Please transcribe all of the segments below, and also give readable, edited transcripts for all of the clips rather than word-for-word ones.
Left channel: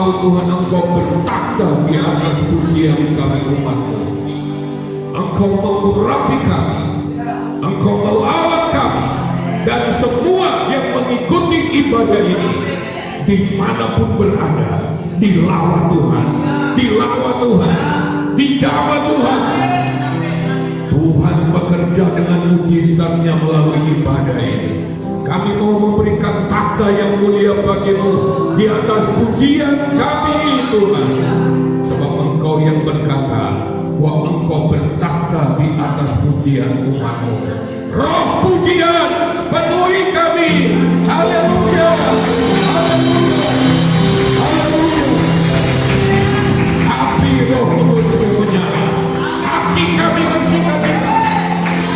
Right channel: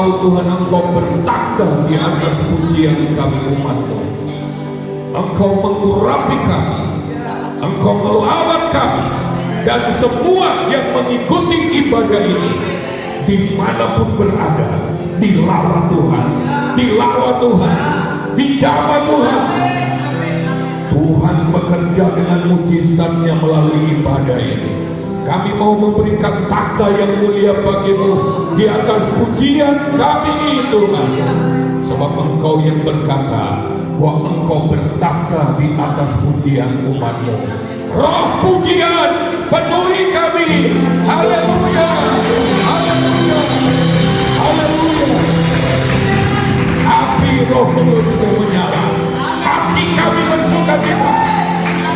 Engkau Tuhan, Engkau bertakhta di atas pujian kami umat-Mu. Engkau mengurapi kami, Engkau melawat kami, dan semua yang mengikuti ibadah ini dimanapun berada, dilawat Tuhan, dilawat Tuhan, dijamah Tuhan. Tuhan bekerja dengan mujizat-Nya melalui ibadah ini. Kami mau memberikan takhta yang mulia bagi-Mu di atas pujian kami Tuhan. Sebab Engkau yang berkata bahwa Engkau bertakhta di atas pujian umat-Mu. Roh pujian penuhi kami. Haleluya, haleluya, haleluya. Api Roh Kudus menyala. Hati kami bersukacita,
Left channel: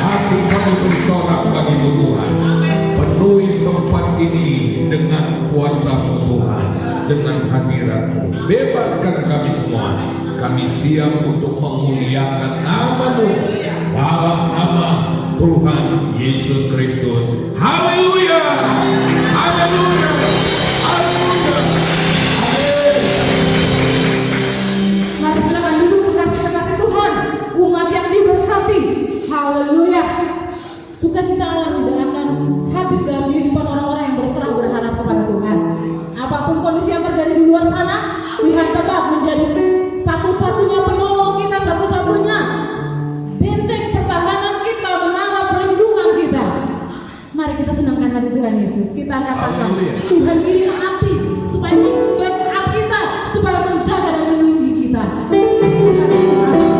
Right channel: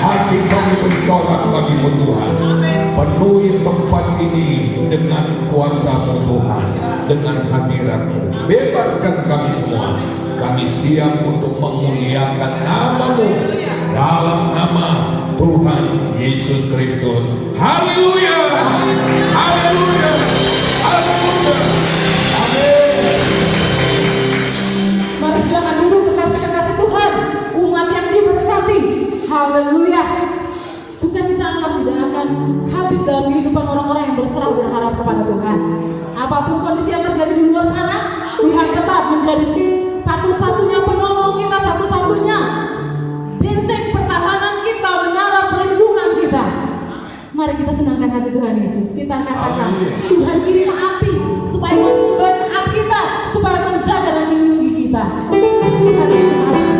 hati kami bersorak bagi-Mu Tuhan. Penuhi tempat ini dengan kuasa-Mu Tuhan, dengan hadirat-Mu. Bebaskan kami semua. Kami siap untuk memuliakan nama-Mu dalam nama Tuhan Yesus Kristus. Haleluya, haleluya, haleluya. Amin. Mari silakan duduk kekasih-kekasih Tuhan, umat yang diberkati. Haleluya. Sukacita Allah tidak akan habis dalam kehidupan orang-orang yang berserah berharap kepada Tuhan. Apapun kondisi yang terjadi di luar sana, Tuhan tetap menjadi satu-satunya penolong kita, satu-satunya benteng pertahanan kita, menara perlindungan kita. Mari kita senangkan hati Tuhan Yesus. Kita katakan, Tuhan kirim api supaya membackup kita, supaya menjaga dan melindungi kita. Tuhan terima kasih.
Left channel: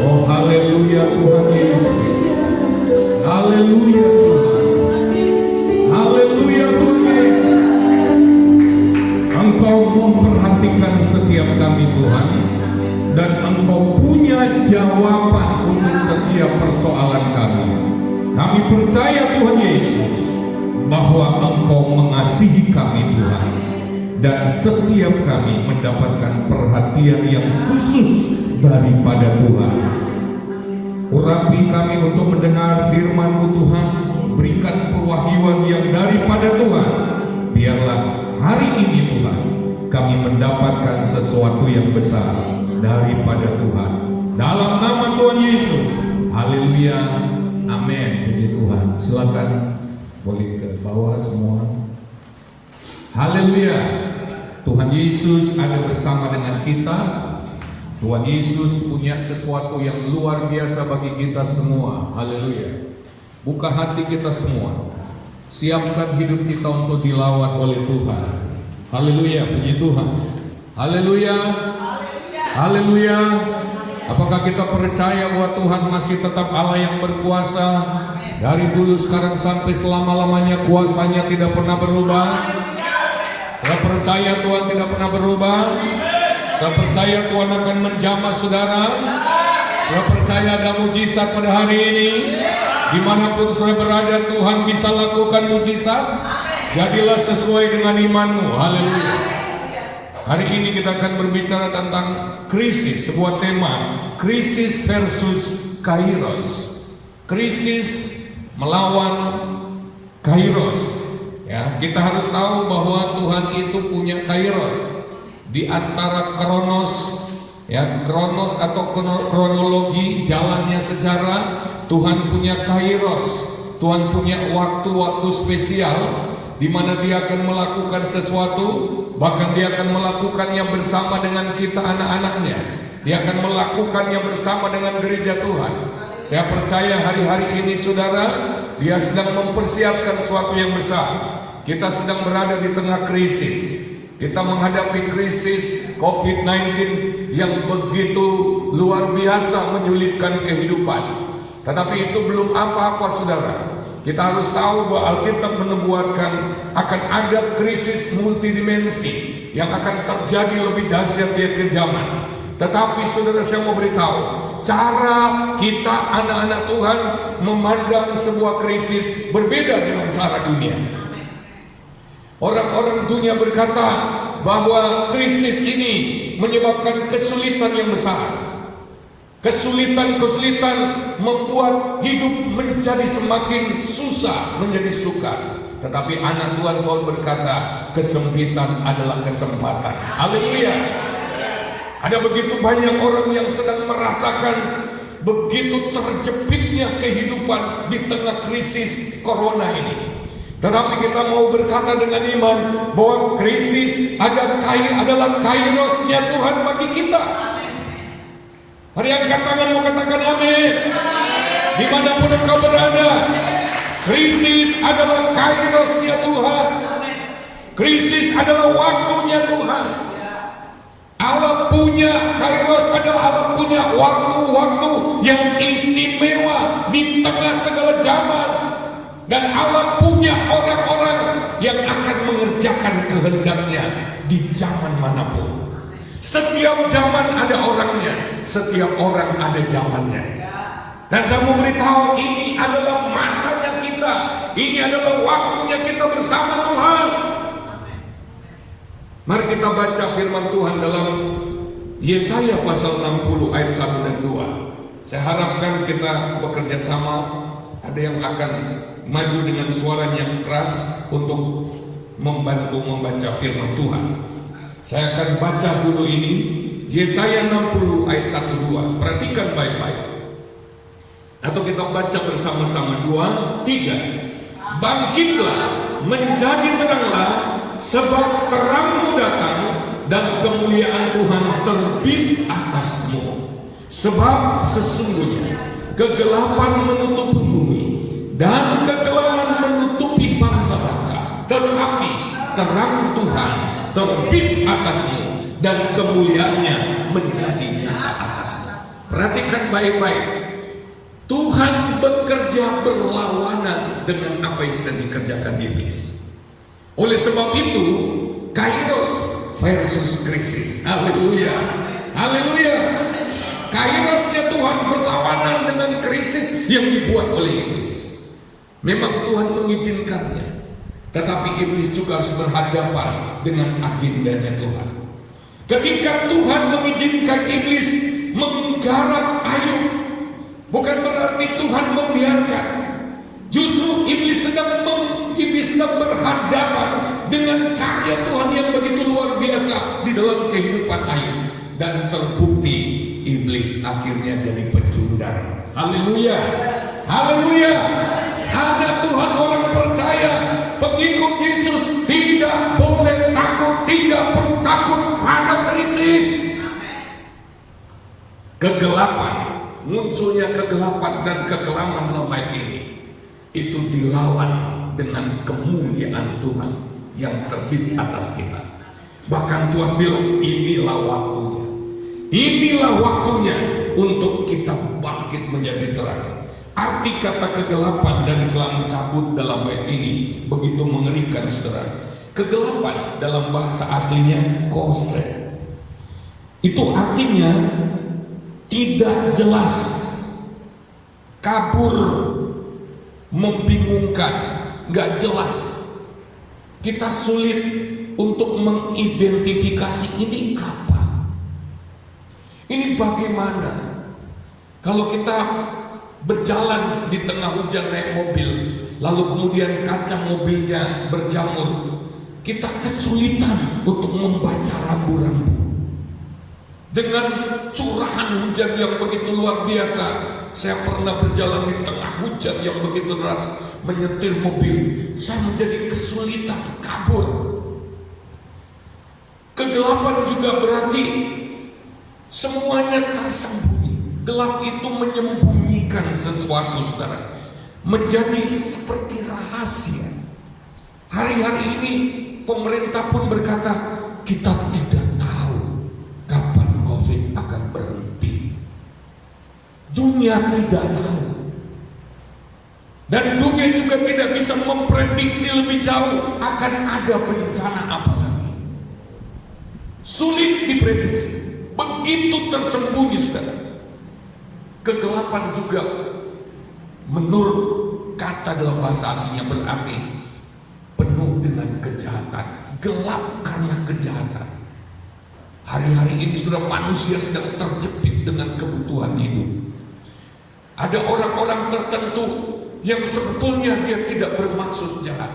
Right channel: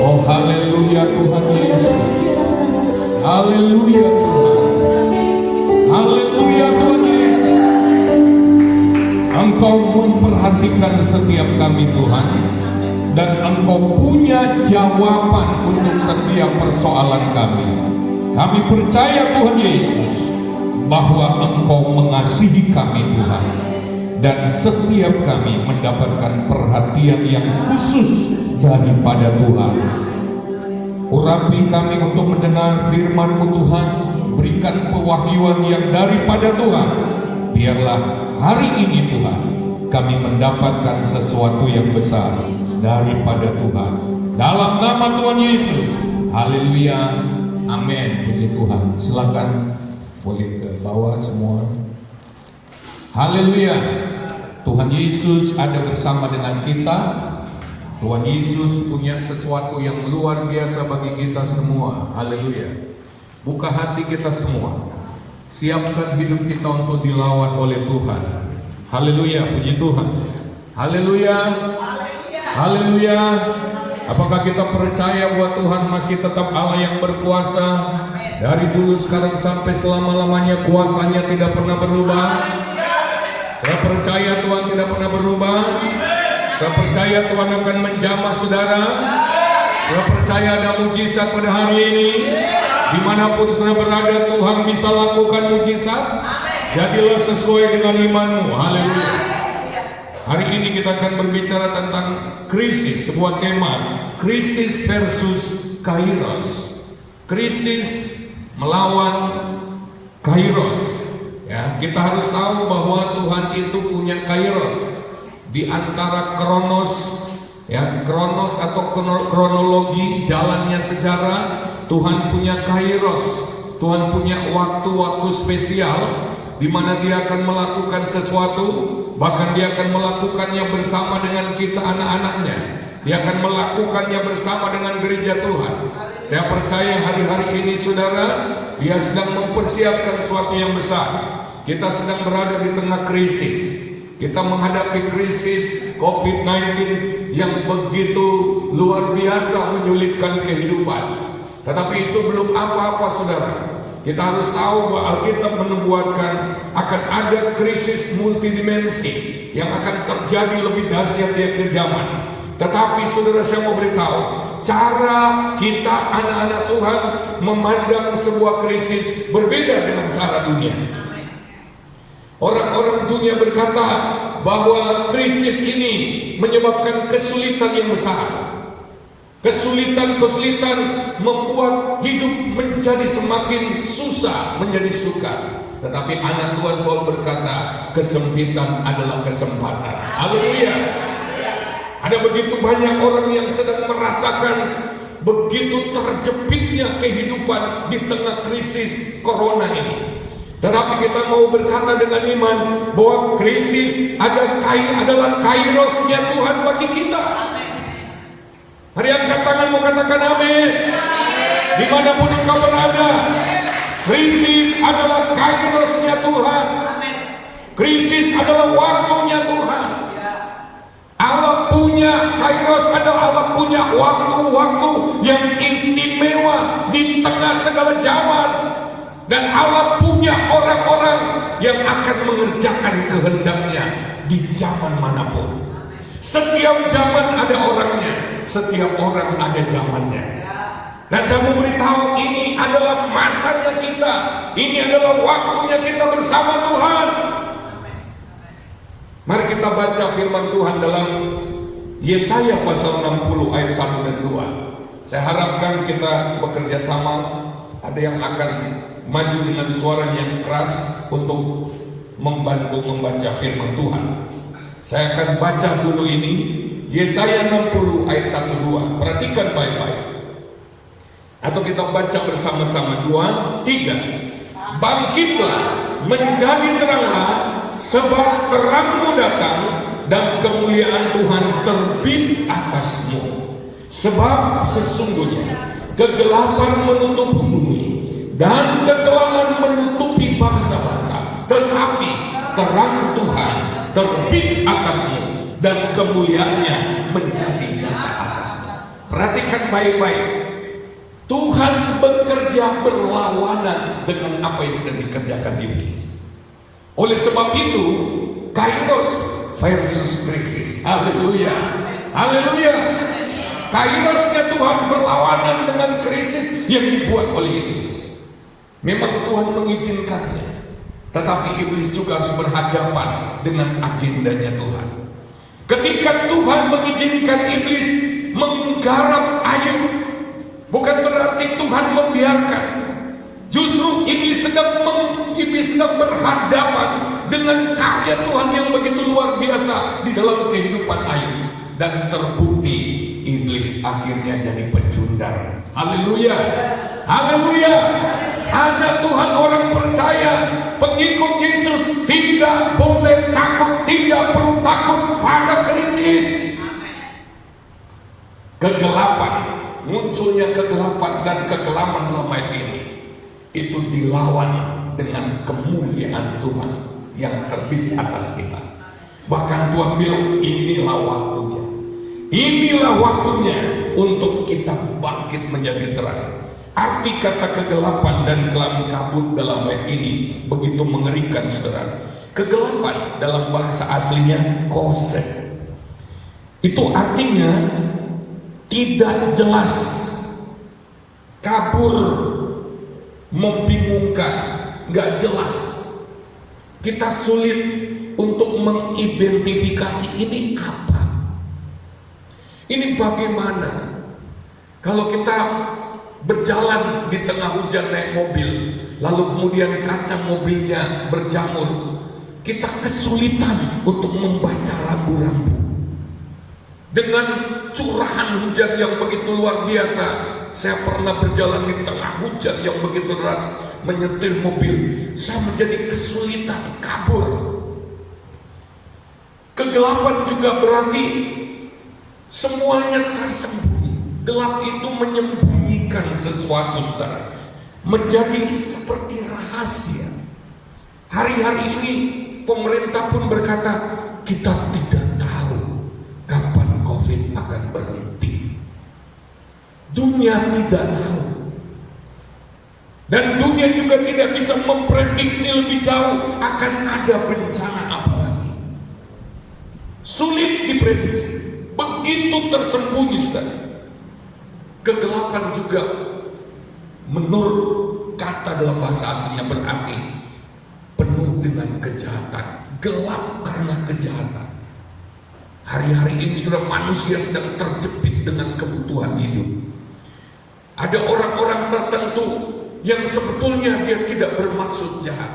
Oh haleluya Tuhan Yesus. Haleluya Tuhan. Haleluya Tuhan Yesus. Engkau memperhatikan setiap kami Tuhan, dan Engkau punya jawaban untuk setiap persoalan kami. Kami percaya Tuhan Yesus bahwa Engkau mengasihi kami Tuhan, dan setiap kami mendapatkan perhatian yang khusus daripada Tuhan. Urapi kami untuk mendengar firman-Mu Tuhan, berikan pewahyuan yang daripada Tuhan. Biarlah hari ini Tuhan kami mendapatkan sesuatu yang besar daripada Tuhan. Dalam nama Tuhan Yesus. Haleluya. Amin. Puji Tuhan. Silakan boleh ke bawah semua. Haleluya. Tuhan Yesus ada bersama dengan kita. Tuhan Yesus punya sesuatu yang luar biasa bagi kita semua. Haleluya. Buka hati kita semua. Siapkan hidup kita untuk dilawat oleh Tuhan. Haleluya. Puji Tuhan. Haleluya. Haleluya. Apakah kita percaya bahwa Tuhan masih tetap Allah yang berkuasa? Dari dulu, sekarang, sampai selama-lamanya kuasanya tidak pernah berubah. Saya percaya Tuhan tidak pernah berubah. Saya percaya Tuhan akan menjamah saudara. Saya percaya ada mujizat pada hari ini. Dimanapun saudara berada, Tuhan bisa lakukan mujizat. Jadilah sesuai dengan imanmu. Haleluya. Hari ini kita akan berbicara tentang krisis, sebuah tema, krisis versus kairos. Krisis melawan kairos. Ya, kita harus tahu bahwa Tuhan itu punya kairos. Di antara kronos, ya, kronos atau kronologi jalannya sejarah, Tuhan punya kairos. Tuhan punya waktu-waktu spesial di mana Dia akan melakukan sesuatu, bahkan Dia akan melakukannya bersama dengan kita anak-anaknya. Dia akan melakukannya bersama dengan gereja Tuhan. Saya percaya hari-hari ini saudara, Dia sedang mempersiapkan sesuatu yang besar. Kita sedang berada di tengah krisis. Kita menghadapi krisis COVID-19 yang begitu luar biasa menyulitkan kehidupan. Tetapi itu belum apa-apa saudara. Kita harus tahu bahwa Alkitab menubuatkan akan ada krisis multidimensi yang akan terjadi lebih dahsyat di akhir zaman. Tetapi saudara, saya mau beritahu, cara kita anak-anak Tuhan memandang sebuah krisis berbeda dengan cara dunia. Orang-orang dunia berkata bahwa krisis ini menyebabkan kesulitan yang besar. Kesulitan-kesulitan membuat hidup menjadi semakin susah menjadi suka. Tetapi anak Tuhan selalu berkata, kesempitan adalah kesempatan. Haleluya. Ada begitu banyak orang yang sedang merasakan begitu terjepitnya kehidupan di tengah krisis corona ini. Tetapi kita mau berkata dengan iman bahwa krisis adalah kairosnya Tuhan bagi kita. Hari angkat tanganmu, katakan amin. Dimanapun engkau berada, krisis adalah kairosnya Tuhan. Krisis adalah waktunya Tuhan. Allah punya kairos, Allah punya waktu-waktu yang istimewa di tengah segala zaman. Dan Allah punya orang-orang yang akan mengerjakan kehendaknya di zaman manapun. Setiap zaman ada orangnya, setiap orang ada zamannya. Dan saya mau beritahu, ini adalah masanya kita, ini adalah waktunya kita bersama Tuhan. Mari kita baca firman Tuhan dalam Yesaya pasal 60 ayat 1 dan 2. Saya harapkan kita bekerja sama. Ada yang akan maju dengan suaranya yang keras untuk membantu membaca firman Tuhan. Saya akan baca dulu ini, Yesaya 60 ayat 1-2. Perhatikan baik-baik. Atau kita baca bersama-sama, 2, 3. Bangkitlah, menjadi teranglah, sebab terangmu datang dan kemuliaan Tuhan terbit atasmu. Sebab sesungguhnya kegelapan menutupi bumi dan kekelaman menutupi bangsa-bangsa, tetapi terang Tuhan terbit atasmu dan kemuliaannya menjadi nyata atasmu. Perhatikan baik-baik. Tuhan bekerja berlawanan dengan apa yang sedang dikerjakan iblis. Oleh sebab itu, Kairos versus krisis. Haleluya. Haleluya. Kairosnya Tuhan berlawanan dengan krisis yang dibuat oleh iblis. Memang Tuhan mengizinkannya, tetapi iblis juga harus berhadapan dengan agendanya Tuhan. Ketika Tuhan mengizinkan iblis menggarap Ayub, bukan berarti Tuhan membiarkan. Justru iblis sedang berhadapan dengan karya Tuhan yang begitu luar biasa di dalam kehidupan Ayub. Dan terbukti iblis akhirnya jadi pecundang. Haleluya. Haleluya. Anak Tuhan, orang percaya, pengikut Yesus tidak boleh takut, tidak perlu takut pada krisis. Kegelapan, munculnya kegelapan dan kekelaman dalam ayat ini, itu dilawan dengan kemuliaan Tuhan yang terbit atas kita. Bahkan Tuhan bilang, inilah waktunya. Inilah waktunya untuk kita bangkit menjadi terang. Arti kata kegelapan dan kelam kabut dalam ayat ini begitu mengerikan, saudara. Kegelapan dalam bahasa aslinya kosek. Itu artinya tidak jelas, kabur, membingungkan, gak jelas. Kita sulit untuk mengidentifikasi ini apa. Ini bagaimana kalau kita berjalan di tengah hujan naik mobil, lalu kemudian kaca mobilnya berjamur, kita kesulitan untuk membaca rambu-rambu. Dengan curahan hujan yang begitu luar biasa, saya pernah berjalan di tengah hujan yang begitu deras, menyetir mobil, saya menjadi kesulitan kabur. Kegelapan juga berarti semuanya tersembunyi. Gelap itu menyembunyikan sesuatu, saudara, menjadi seperti rahasia. Hari-hari ini pemerintah pun berkata, kita tidak tahu kapan COVID akan berhenti. Dunia tidak tahu. Dan dunia juga tidak bisa memprediksi lebih jauh akan ada bencana apa lagi. Sulit diprediksi. Begitu tersembunyi, saudara. Kegelapan juga menurut kata dalam bahasa aslinya berarti penuh dengan kejahatan. Gelap karena kejahatan. Hari-hari ini sudah manusia sedang terjepit dengan kebutuhan hidup. Ada orang-orang tertentu yang sebetulnya dia tidak bermaksud jahat,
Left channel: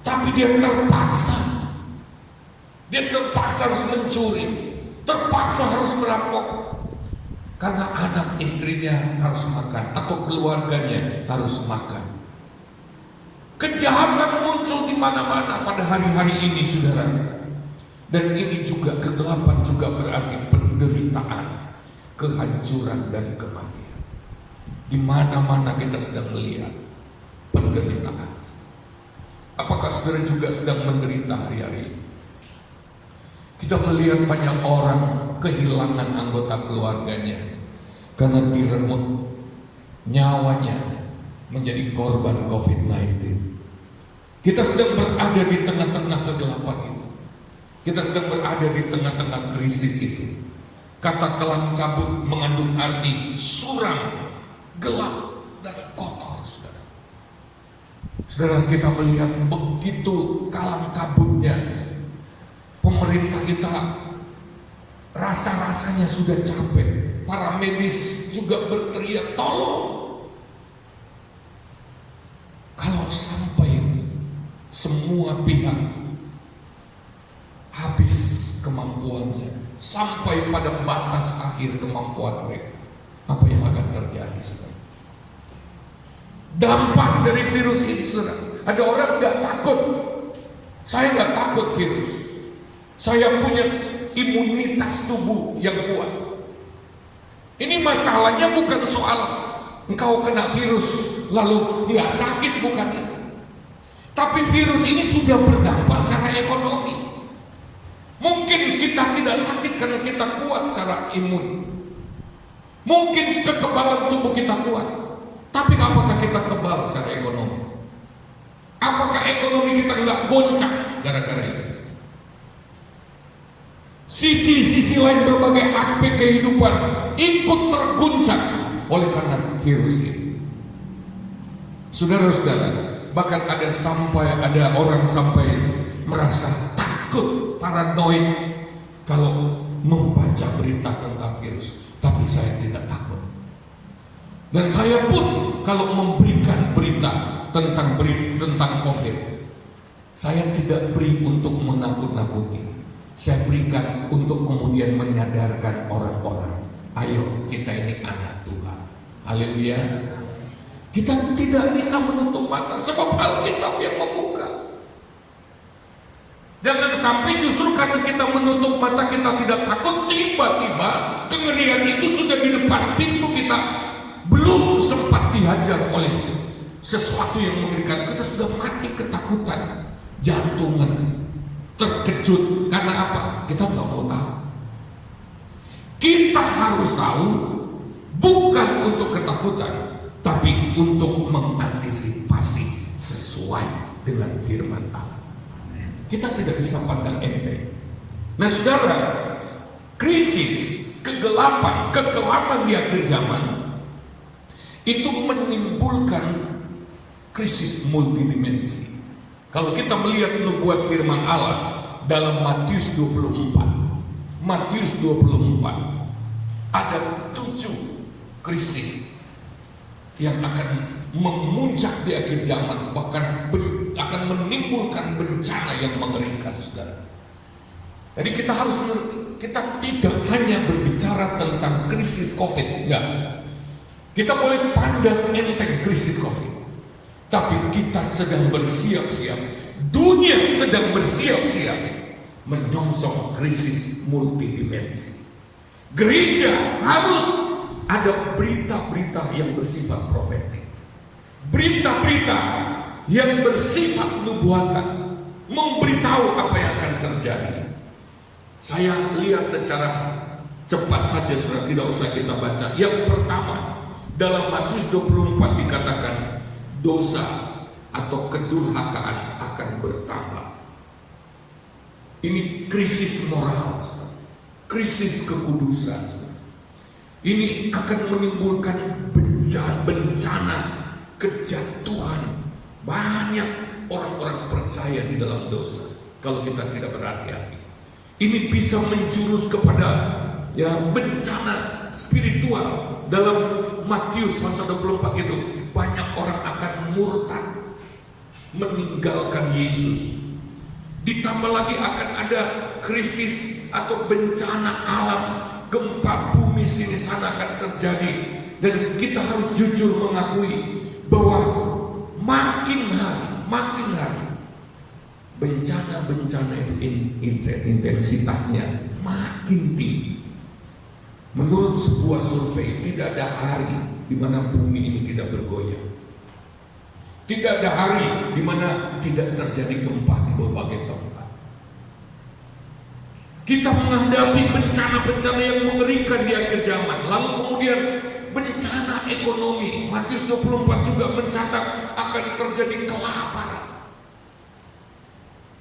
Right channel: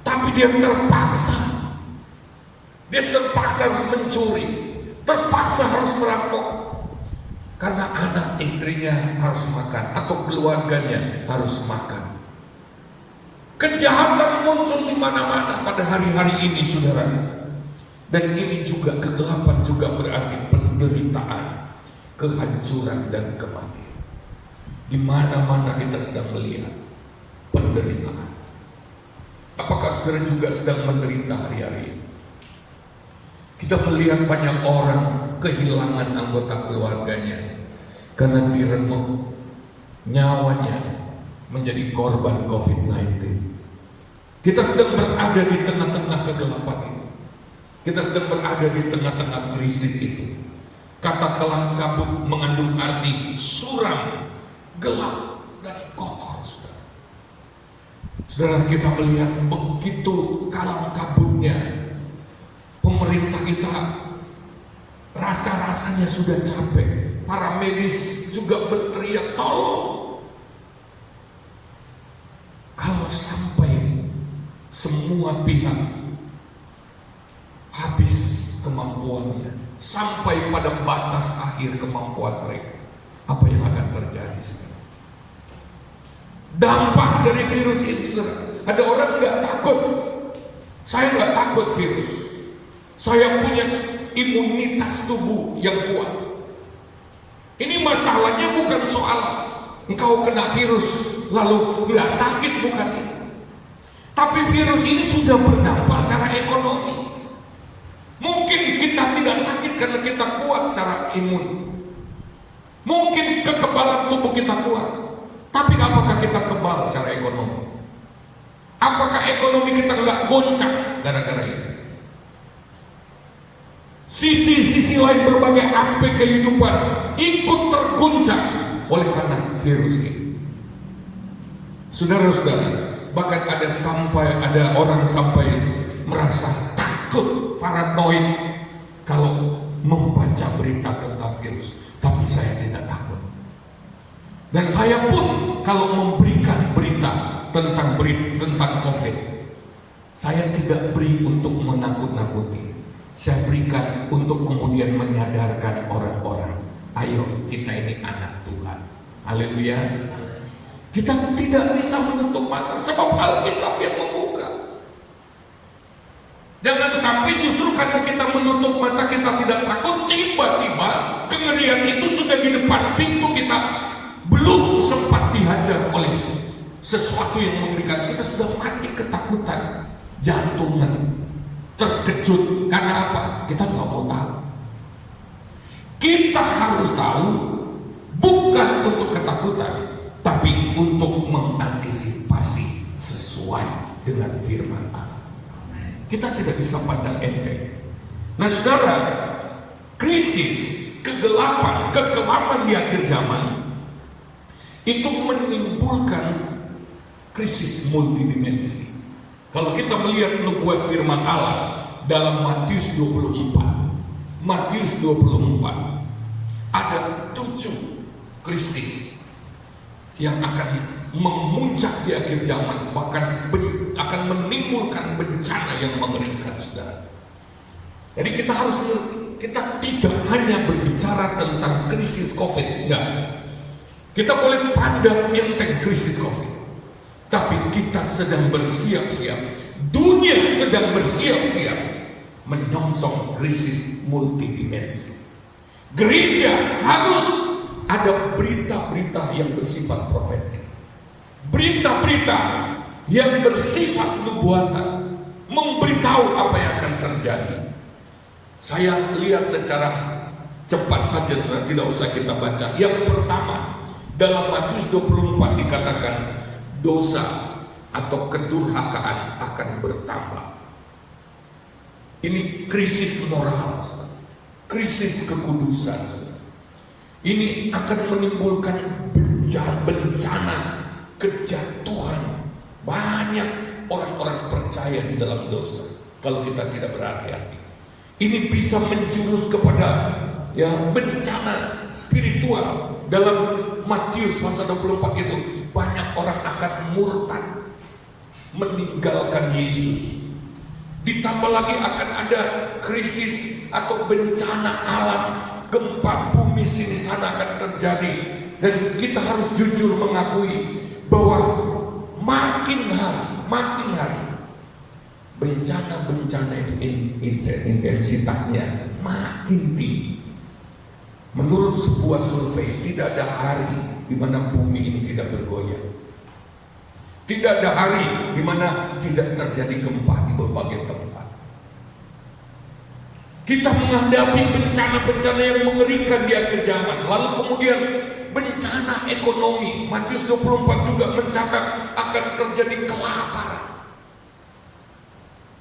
tapi dia terpaksa. Dia terpaksa harus mencuri, terpaksa harus merampok, karena anak istrinya harus makan atau keluarganya harus makan. Kejahatan muncul di mana-mana pada hari-hari ini, saudara. Dan ini juga kegelapan juga berarti penderitaan, kehancuran dan kematian. Di mana-mana kita sedang melihat penderitaan. Apakah saudara juga sedang menderita hari-hari ini? Kita melihat banyak orang kehilangan anggota keluarganya karena direnggut nyawanya menjadi korban COVID-19. Kita sedang berada di tengah-tengah kegelapan itu. Kita sedang berada di tengah-tengah krisis itu. Kata kelam kabut mengandung arti suram, gelap, dan kotor, saudara. Saudara, kita melihat begitu kalam kabutnya. Pemerintah kita rasa-rasanya sudah capek. Para medis juga berteriak, tolong. Kalau sampai semua pihak habis kemampuannya, sampai pada batas akhir kemampuan mereka, apa yang akan terjadi, saudara? Dampak dari virus ini, saudara. Ada orang nggak takut. Saya nggak takut virus. Saya punya imunitas tubuh yang kuat. Ini masalahnya bukan soal engkau kena virus lalu nggak sakit, bukan itu. Tapi virus ini sudah berdampak secara ekonomi. Mungkin kita tidak sakit karena kita kuat secara imun. Mungkin kekebalan tubuh kita kuat, tapi apakah kita kebal secara ekonomi? Apakah ekonomi kita nggak goncang gara-gara ini? Sisi-sisi lain berbagai aspek kehidupan ikut terguncang oleh karena virus ini. Saudara-saudara, bahkan ada orang sampai merasa takut, paranoid kalau membaca berita tentang virus. Tapi saya tidak takut. Dan saya pun kalau memberikan berita tentang COVID, saya tidak beri untuk menakut-nakuti. Saya berikan untuk kemudian menyadarkan orang-orang, ayo kita ini anak Tuhan. Haleluya. Kita tidak bisa menutup mata sebab Alkitab yang membuka. Jangan sampai justru karena kita menutup mata kita tidak takut, tiba-tiba kengerian itu sudah di depan pintu kita, belum sempat dihajar oleh sesuatu yang mengerikan, kita sudah mati ketakutan, jantungan, terkejut. Karena apa? Kita nggak mau tahu. Kita harus tahu, bukan untuk ketakutan, tapi untuk mengantisipasi sesuai dengan firman Allah. Kita tidak bisa pandang enteng. Nah saudara, krisis, kegelapan, kekelaman di akhir zaman itu menimbulkan krisis multidimensi. Kalau kita melihat nubuat firman Allah dalam Matius 24, ada 7 krisis yang akan memuncak di akhir zaman, bahkan akan menimbulkan bencana yang mengerikan, saudara. Jadi kita harus mengerti, kita tidak hanya berbicara tentang krisis COVID, enggak. Kita boleh pandang enteng krisis COVID, tapi kita sedang bersiap-siap, dunia sedang bersiap-siap menyongsong krisis multidimensi. Gereja harus ada berita-berita yang bersifat profetik, berita-berita yang bersifat nubuatan, memberitahu apa yang akan terjadi. Saya lihat secara cepat saja, saudara, tidak usah kita baca. Yang pertama, dalam Matius 24 dikatakan dosa atau kedurhakaan akan bertambah. Ini krisis moral, saudara. Krisis kekudusan, saudara. Ini akan menimbulkan bencana kejatuhan. Banyak orang-orang percaya di dalam dosa kalau kita tidak berhati-hati. Ini bisa menjurus kepada bencana spiritual. Dalam Matius pasal 24 itu banyak orang akan murtad, meninggalkan Yesus. Ditambah lagi akan ada krisis atau bencana alam, gempa bumi sini sana akan terjadi. Dan kita harus jujur mengakui bahwa makin hari bencana-bencana itu intensitasnya makin tinggi. Menurut sebuah survei, tidak ada hari di mana bumi ini tidak bergoyang. Tidak ada hari di mana tidak terjadi gempa di berbagai tempat. Kita menghadapi bencana-bencana yang mengerikan di akhir zaman. Lalu kemudian bencana ekonomi. Matius 24 juga mencatat akan terjadi kelaparan.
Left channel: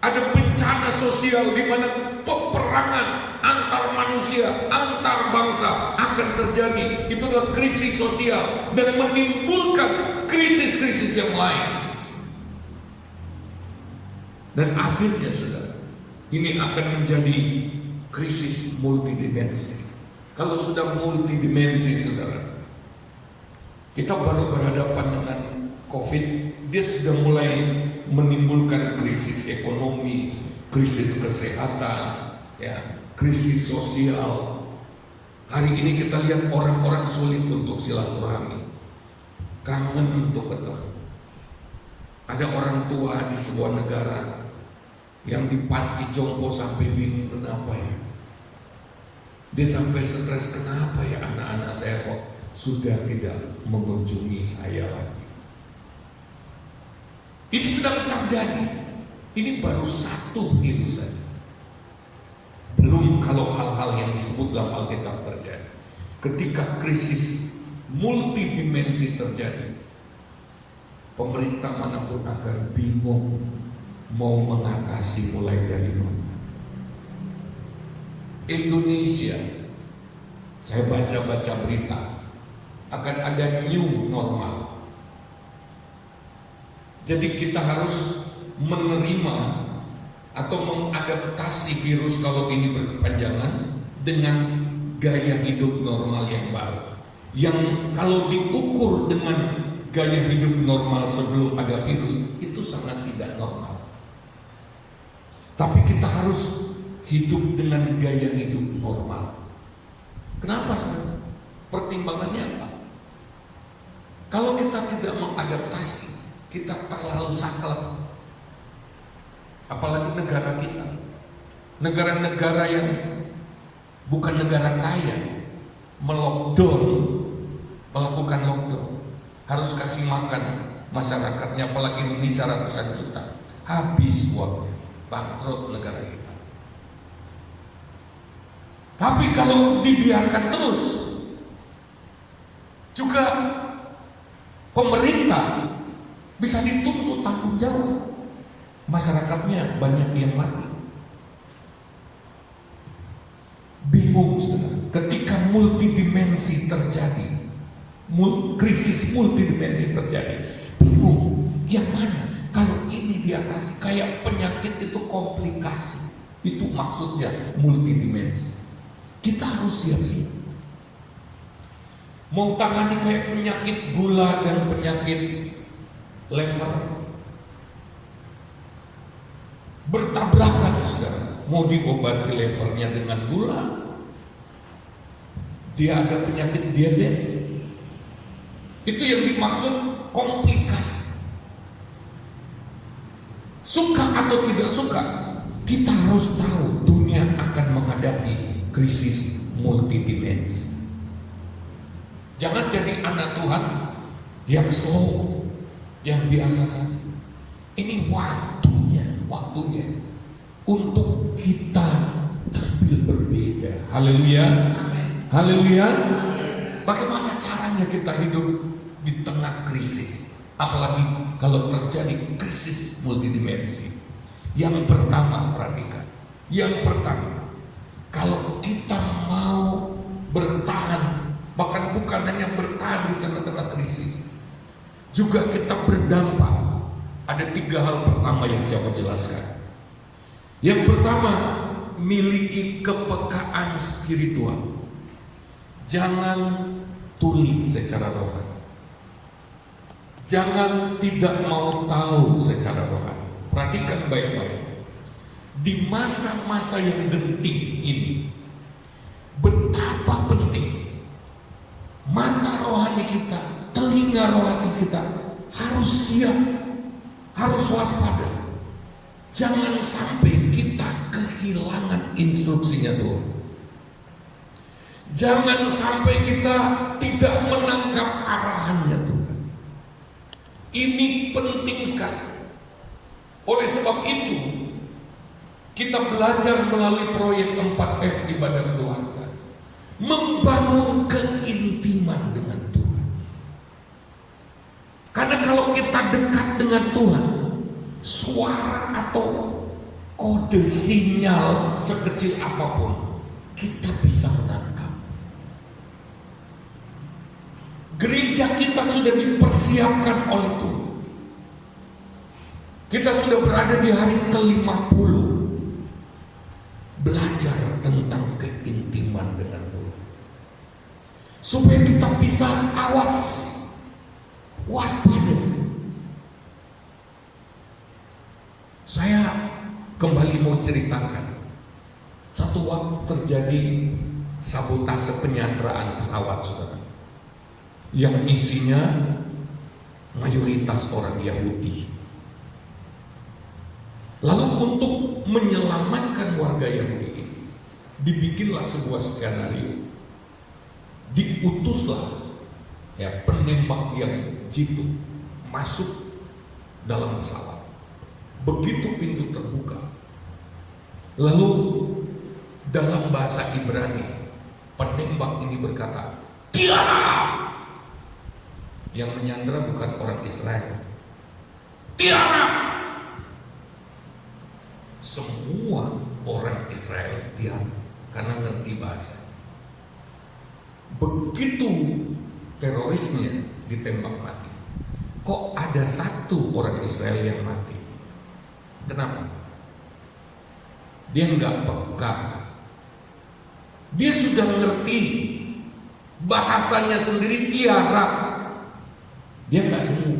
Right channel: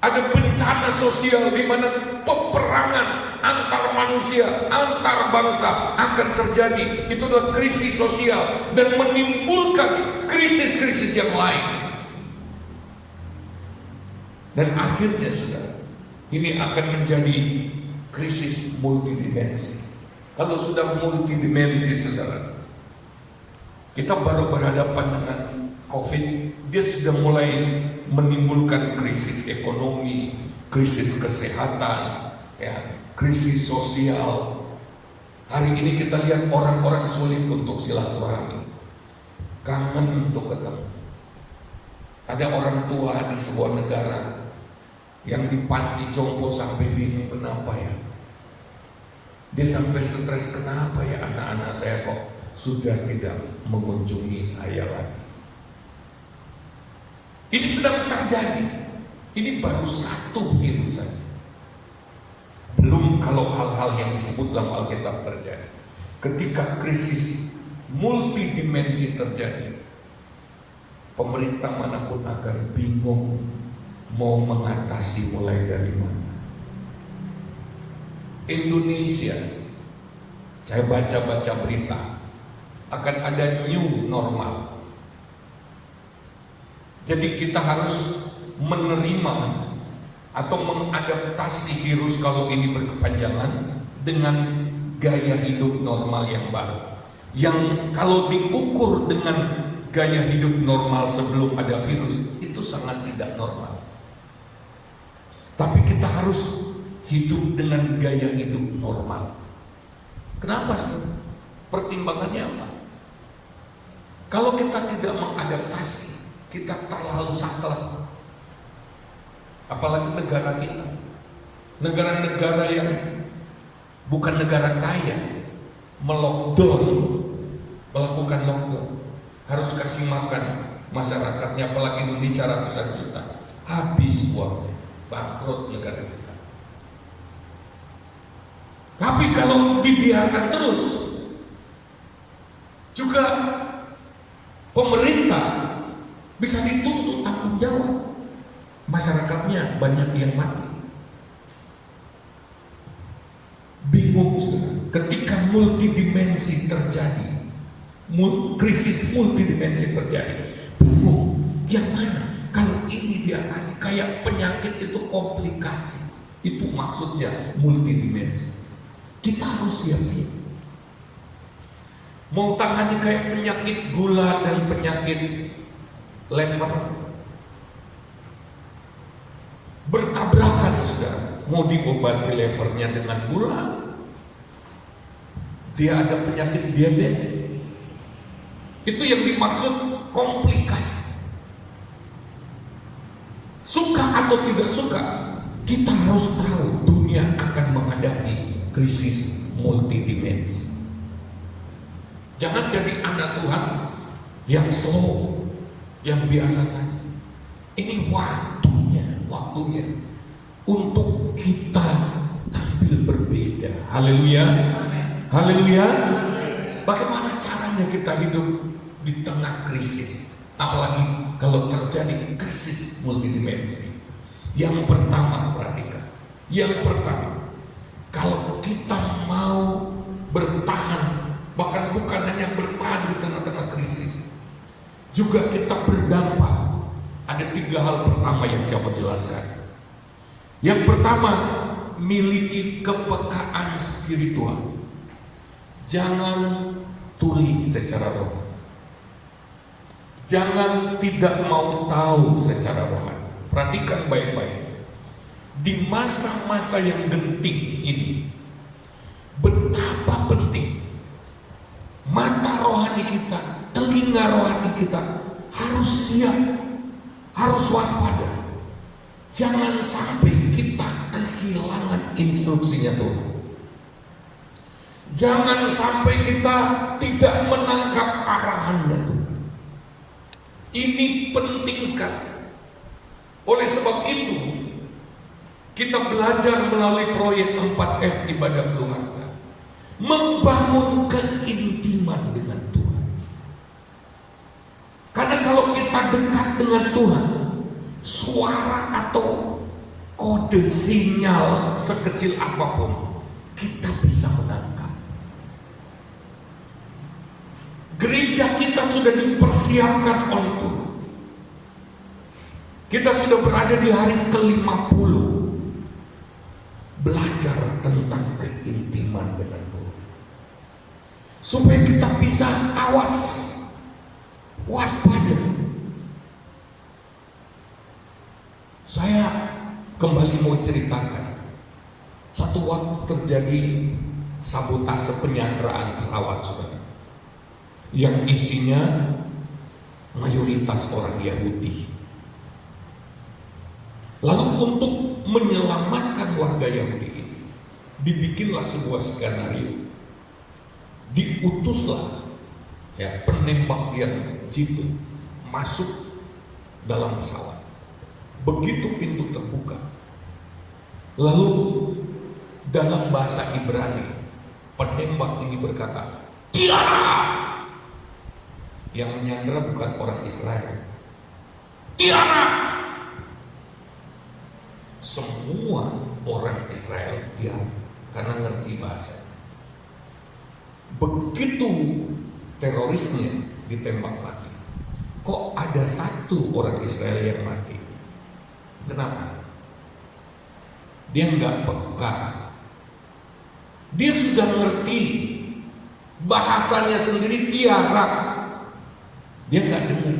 Ada bencana sosial di mana peperangan antar manusia, antar bangsa akan terjadi. Itu adalah krisis sosial dan menimbulkan krisis-krisis yang lain. Dan akhirnya, saudara, ini akan menjadi krisis multidimensi. Kalau sudah multidimensi, saudara, kita baru berhadapan dengan COVID, dia sudah mulai menimbulkan krisis ekonomi, krisis kesehatan, krisis sosial. Hari ini kita lihat orang-orang sulit untuk silaturahmi, kangen untuk ketemu. Ada orang tua di sebuah negara yang di panti jompo sampai bingung, kenapa ya? Dia sampai stres, kenapa ya anak-anak saya kok sudah tidak mengunjungi saya lagi. Ini sedang terjadi. Ini baru satu virus saja. Belum kalau hal-hal yang disebut dalam Alkitab terjadi. Ketika krisis multidimensi terjadi, pemerintah manapun akan bingung mau mengatasi mulai dari mana. Indonesia, saya baca-baca berita, akan ada new normal. Jadi kita harus menerima atau mengadaptasi virus kalau ini berkepanjangan dengan gaya hidup normal yang baru. Yang kalau diukur dengan gaya hidup normal sebelum ada virus, itu sangat tidak normal. Tapi kita harus hidup dengan gaya hidup normal. Kenapa? Pertimbangannya apa? Kalau kita tidak mengadaptasi, kita terlalu saklek. Apalagi negara kita, negara-negara yang bukan negara kaya, melakukan lockdown, harus kasih makan masyarakatnya, apalagi Indonesia ratusan juta, habis uangnya, bangkrut negara kita. Tapi kalau dibiarkan terus, juga pemerintah bisa dituntut tanggung jawab. Masyarakatnya banyak yang mati. Bingung, saudara. Ketika multidimensi terjadi, krisis multidimensi terjadi, bingung yang mana. Kalau ini diatasi, kayak penyakit itu komplikasi, itu maksudnya multidimensi. Kita harus siap-siap. Mau tangani kayak penyakit gula dan penyakit lever, bertabrakan, saudara. Mau diobati levernya dengan gula, dia ada penyakit diabetes. Itu yang dimaksud komplikasi. Suka atau tidak suka, kita harus tahu dunia akan menghadapi krisis multidimensi. Jangan jadi anak Tuhan yang slow, yang biasa saja. Ini waktunya untuk kita tampil berbeda. Haleluya, haleluya. Bagaimana caranya kita hidup di tengah krisis, apalagi kalau terjadi krisis multidimensi? Yang pertama, perhatikan. Yang pertama, kalau kita mau bertahan, bahkan bukan hanya bertahan di tengah-tengah krisis, juga kita berdampak. Ada 3 hal pertama yang saya mau jelaskan. Yang pertama, miliki kepekaan spiritual. Jangan tuli secara rohani. Jangan tidak mau tahu secara rohani. Perhatikan baik-baik. Di masa-masa yang genting ini, betapa penting mata rohani kita, telinga rohani kita harus siap, harus waspada. Jangan sampai kita kehilangan instruksinya Tuhan. Jangan sampai kita tidak menangkap arahannya Tuhan. Ini penting sekali. Oleh sebab itu, kita belajar melalui proyek 4F ibadah keluarga, membangun keintiman dengan Tuhan. Karena kalau kita dekat dengan Tuhan, suara atau kode sinyal sekecil apapun kita bisa menangkap. Gereja kita sudah dipersiapkan oleh Tuhan. Kita sudah berada di hari ke-50 belajar tentang keintiman dengan Tuhan, supaya kita bisa awas, waspada. Saya kembali mau ceritakan, satu waktu terjadi sabotase penyanderaan pesawat, saudara, yang isinya mayoritas orang Yahudi. Lalu untuk menyelamatkan warga Yahudi ini, dibikinlah sebuah skenario. Diutuslah penembak yang jitu masuk dalam pesawat. Begitu pintu terbuka, lalu dalam bahasa Ibrani Penembak ini berkata, tiara. Yang menyandera bukan orang Israel. Tiara. Semua orang Israel diam karena ngerti bahasa. Begitu terorisnya ditembak mati, kok ada satu orang Israel yang mati? Kenapa? Dia nggak peka. Dia sudah ngerti bahasanya sendiri tiara. Dia nggak dengar.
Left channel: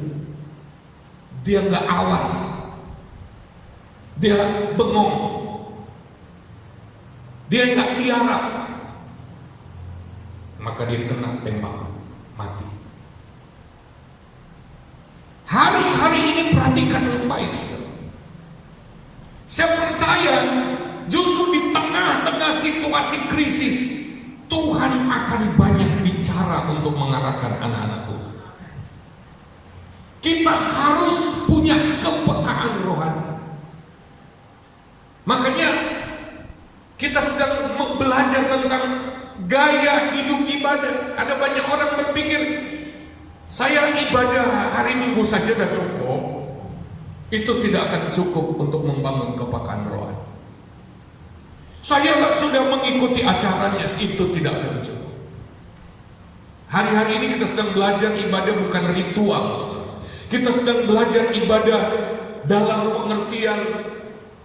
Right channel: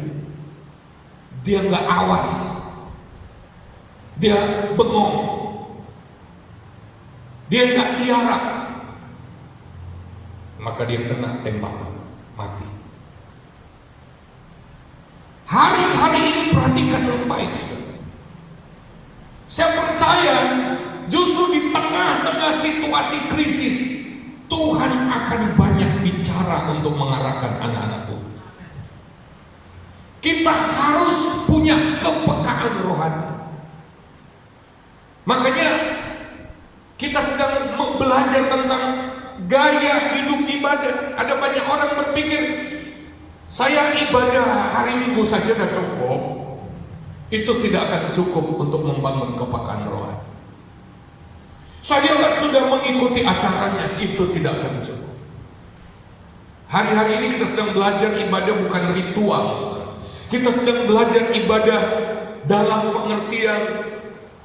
Dia nggak awas. Dia bengong. Dia nggak tiarap. Maka dia kena tembakan mati. Hari-hari ini perhatikan dengan baik, saudara. Saya percaya justru di tengah-tengah situasi krisis, Tuhan akan banyak bicara untuk mengarahkan anak-anak Tuhan. Kita harus punya kepekaan rohani. Makanya kita sedang belajar tentang gaya hidup ibadah. Ada banyak orang berpikir, saya ibadah hari Minggu saja sudah cukup. Itu tidak akan cukup untuk membangun kepekaan rohani. Saya sudah mengikuti acaranya, itu tidak akan cukup. Hari-hari ini kita sedang belajar ibadah bukan ritual. Kita sedang belajar ibadah dalam pengertian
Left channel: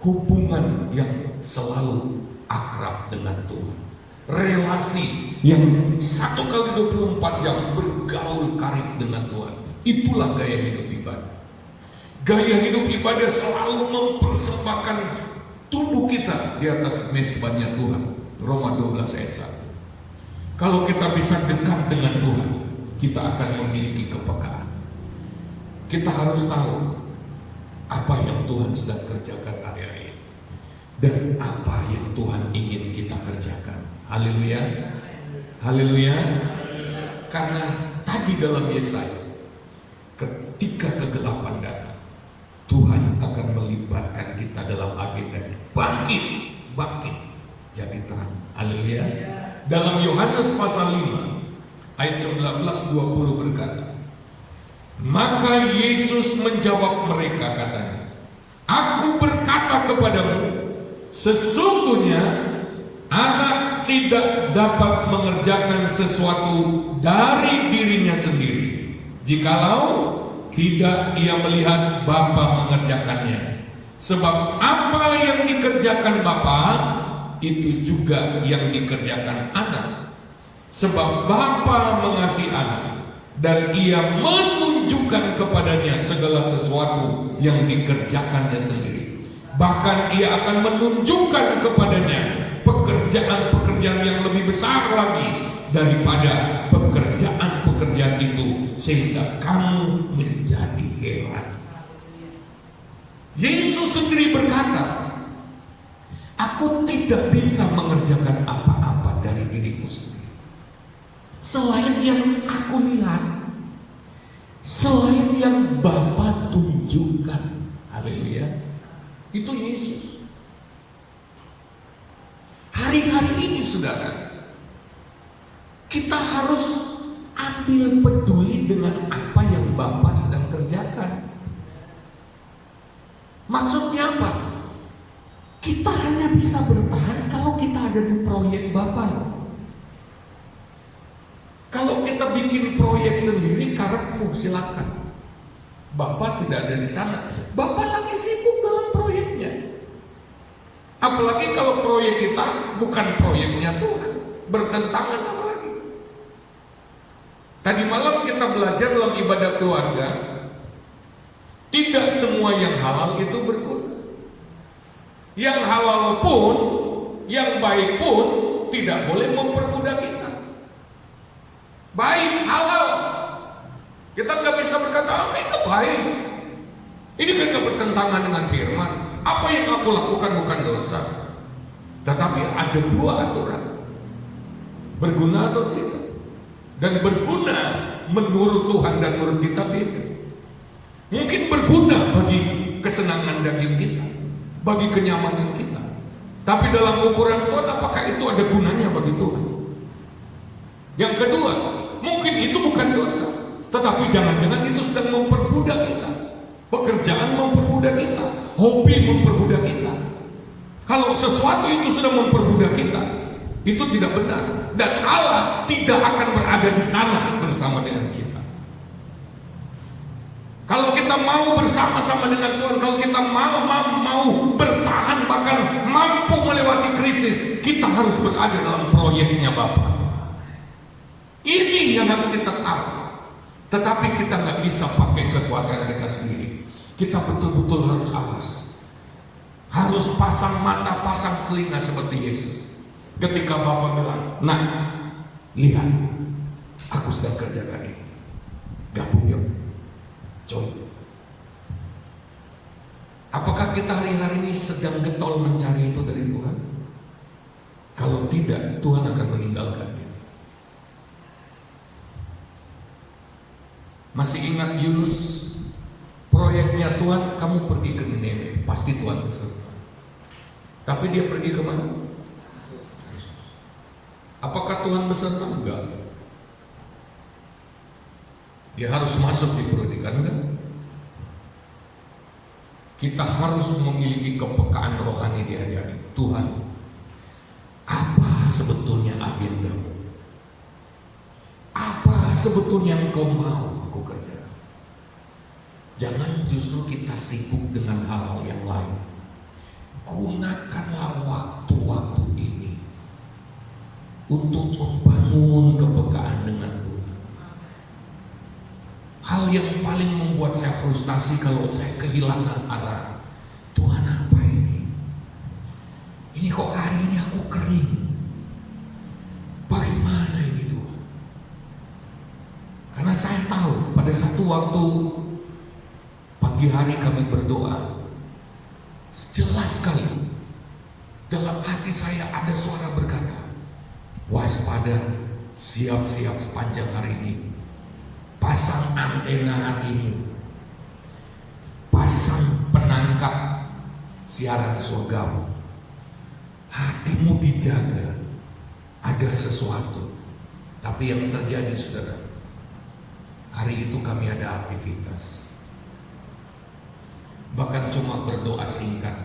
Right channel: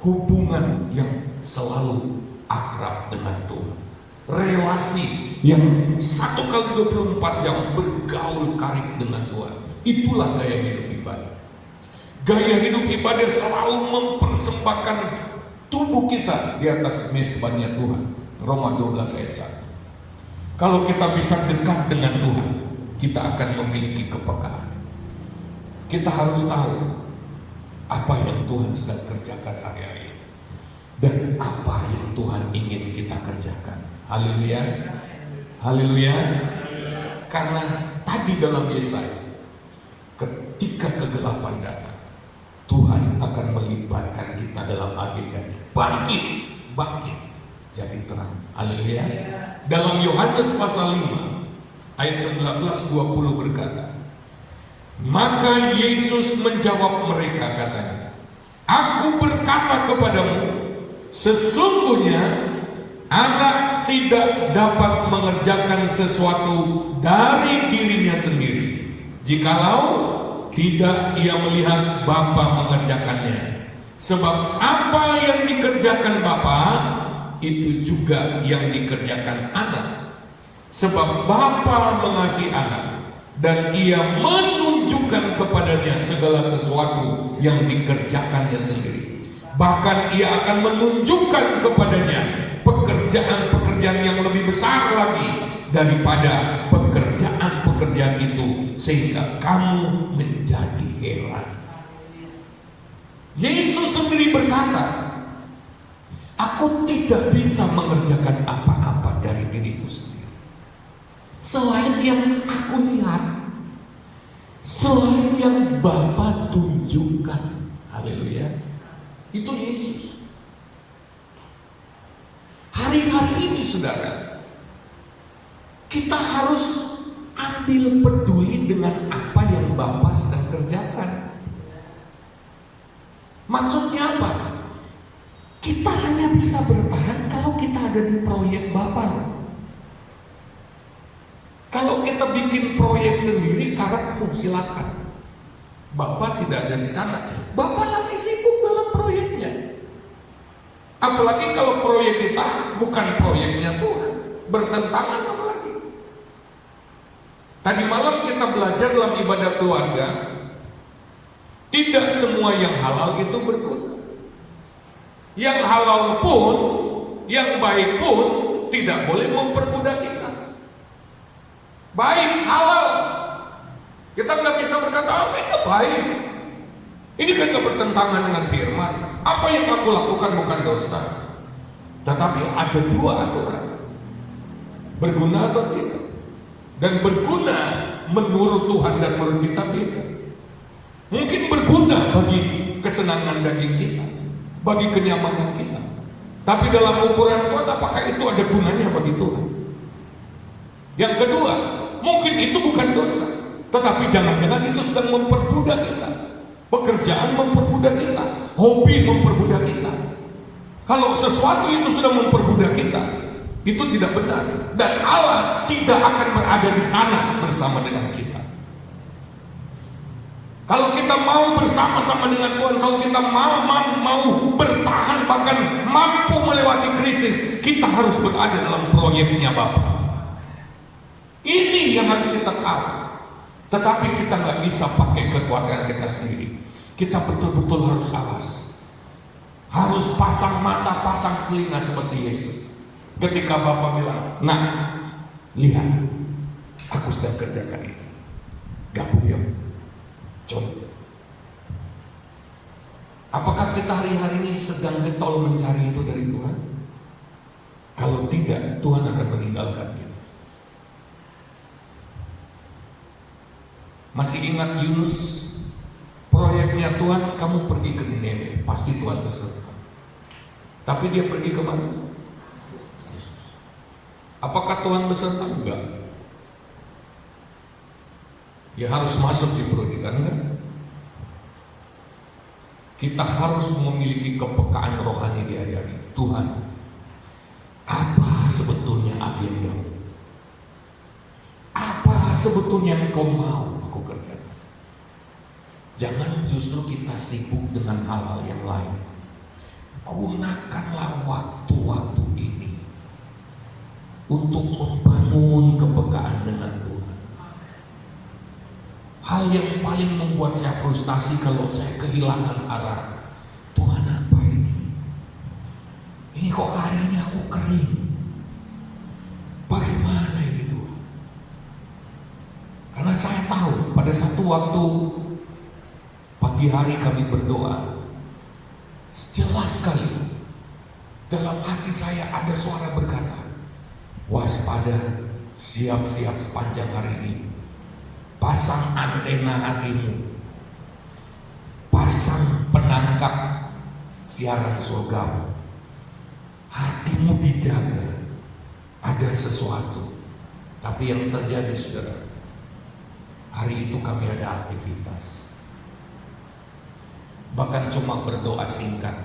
hubungan yang selalu akrab dengan Tuhan. Relasi yang 1x24 jam bergaul karib dengan Tuhan. Itulah gaya hidup ibadah. Gaya hidup ibadah selalu mempersembahkan tubuh kita di atas mezbahnya Tuhan. Roma 12 ayat 1. Kalau kita bisa dekat dengan Tuhan, kita akan memiliki kepekaan. Kita harus tahu apa yang Tuhan sedang kerjakan hari-hari ini dan apa yang Tuhan ingin kita kerjakan. Haleluya. Haleluya. Karena tadi dalam Yesaya, ketika kegelapan datang, Tuhan akan melibatkan kita dalam agendanya. Bangkit, bangkit, jadi terang. Haleluya. Dalam Yohanes pasal 5 ayat 19-20 berkata, maka Yesus menjawab mereka katanya, aku berkata kepadamu, sesungguhnya anak tidak dapat mengerjakan sesuatu dari dirinya sendiri, jikalau tidak ia melihat Bapa mengerjakannya. Sebab apa yang dikerjakan Bapa, itu juga yang dikerjakan anak. Sebab Bapa mengasihi anak, dan ia menunjukkan kepadanya segala sesuatu yang dikerjakannya sendiri. Bahkan ia akan menunjukkan kepadanya pekerjaan-pekerjaan yang lebih besar lagi daripada pekerjaan-pekerjaan itu, sehingga kamu menjadi heran. Yesus sendiri berkata, aku tidak bisa mengerjakan apa-apa dari diriku sendiri selain yang aku lihat, selain yang Bapa tunjukkan. Haleluya. Itu Yesus. Hari-hari ini saudara, kita harus ambil peduli dengan apa yang Bapa sedang kerjakan. Maksudnya apa? Kita hanya bisa bertahan kalau kita ada di proyek Bapa. Kalau kita bikin proyek sendiri, karakter silakan. Bapak tidak ada di sana. Bapak lagi sibuk dalam proyeknya. Apalagi kalau proyek kita bukan proyeknya Tuhan, bertentangan apalagi. Tadi malam kita belajar dalam ibadah keluarga, tidak semua yang halal itu berguna. Yang halal pun, yang baik pun tidak boleh memperbudak kita. Baik, halal, kita nggak bisa berkata, oke, itu baik. Ini kan nggak bertentangan dengan firman. Apa yang aku lakukan bukan dosa. Tetapi ada dua aturan, berguna atau tidak. Dan berguna menurut Tuhan dan menurut kita beda. Mungkin berguna bagi kesenangan daging kita, bagi kenyamanan kita. Tapi dalam ukuran Tuhan, apakah itu ada gunanya bagi Tuhan? Yang kedua, mungkin itu bukan dosa, tetapi jangan-jangan itu sedang memperbudak kita. Pekerjaan memperbudak kita, hobi memperbudak kita. Kalau sesuatu itu sedang memperbudak kita, itu tidak benar, dan Allah tidak akan berada di sana bersama dengan kita. Kalau kita mau bersama-sama dengan Tuhan, kalau kita mau bertahan, bahkan mampu melewati krisis, kita harus berada dalam proyeknya Bapa. Ini yang harus kita tahu. Tetapi kita nggak bisa pakai kekuatan kita sendiri. Kita betul-betul harus awas, harus pasang mata, pasang telinga seperti Yesus. Ketika Bapa bilang, nah, lihat, aku sedang kerjakan ini. Gabung yuk, coba. Apakah kita hari-hari ini sedang getol mencari itu dari Tuhan? Kalau tidak, Tuhan akan meninggalkan kita. Masih ingat Yunus? Proyeknya Tuhan, kamu pergi ke Nineve, pasti Tuhan beserta. Tapi dia pergi kemana? Apakah Tuhan beserta? Enggak. Dia harus masuk di perdikan, kan? Kita harus memiliki kepekaan rohani di hari-hari. Tuhan, apa sebetulnya agendamu? Apa sebetulnya yang Engkau mau aku kerjakan? Jangan justru kita sibuk dengan hal-hal yang lain. Gunakanlah waktu-waktu ini untuk membangun kepekaan dengan Tuhan. Hal yang paling membuat saya frustasi kalau saya kehilangan arah. Tuhan, apa ini? Ini kok hari ini aku kering? Bagaimana ini Tuhan? Karena saya tahu pada satu waktu pagi hari kami berdoa, jelas sekali dalam hati saya ada suara berkata, waspada, siap-siap sepanjang hari ini. Pasang antena hatimu, pasang penangkap siaran surga, hatimu dijaga. Ada sesuatu. Tapi yang terjadi, saudara, hari itu kami ada aktivitas, bahkan cuma berdoa singkat,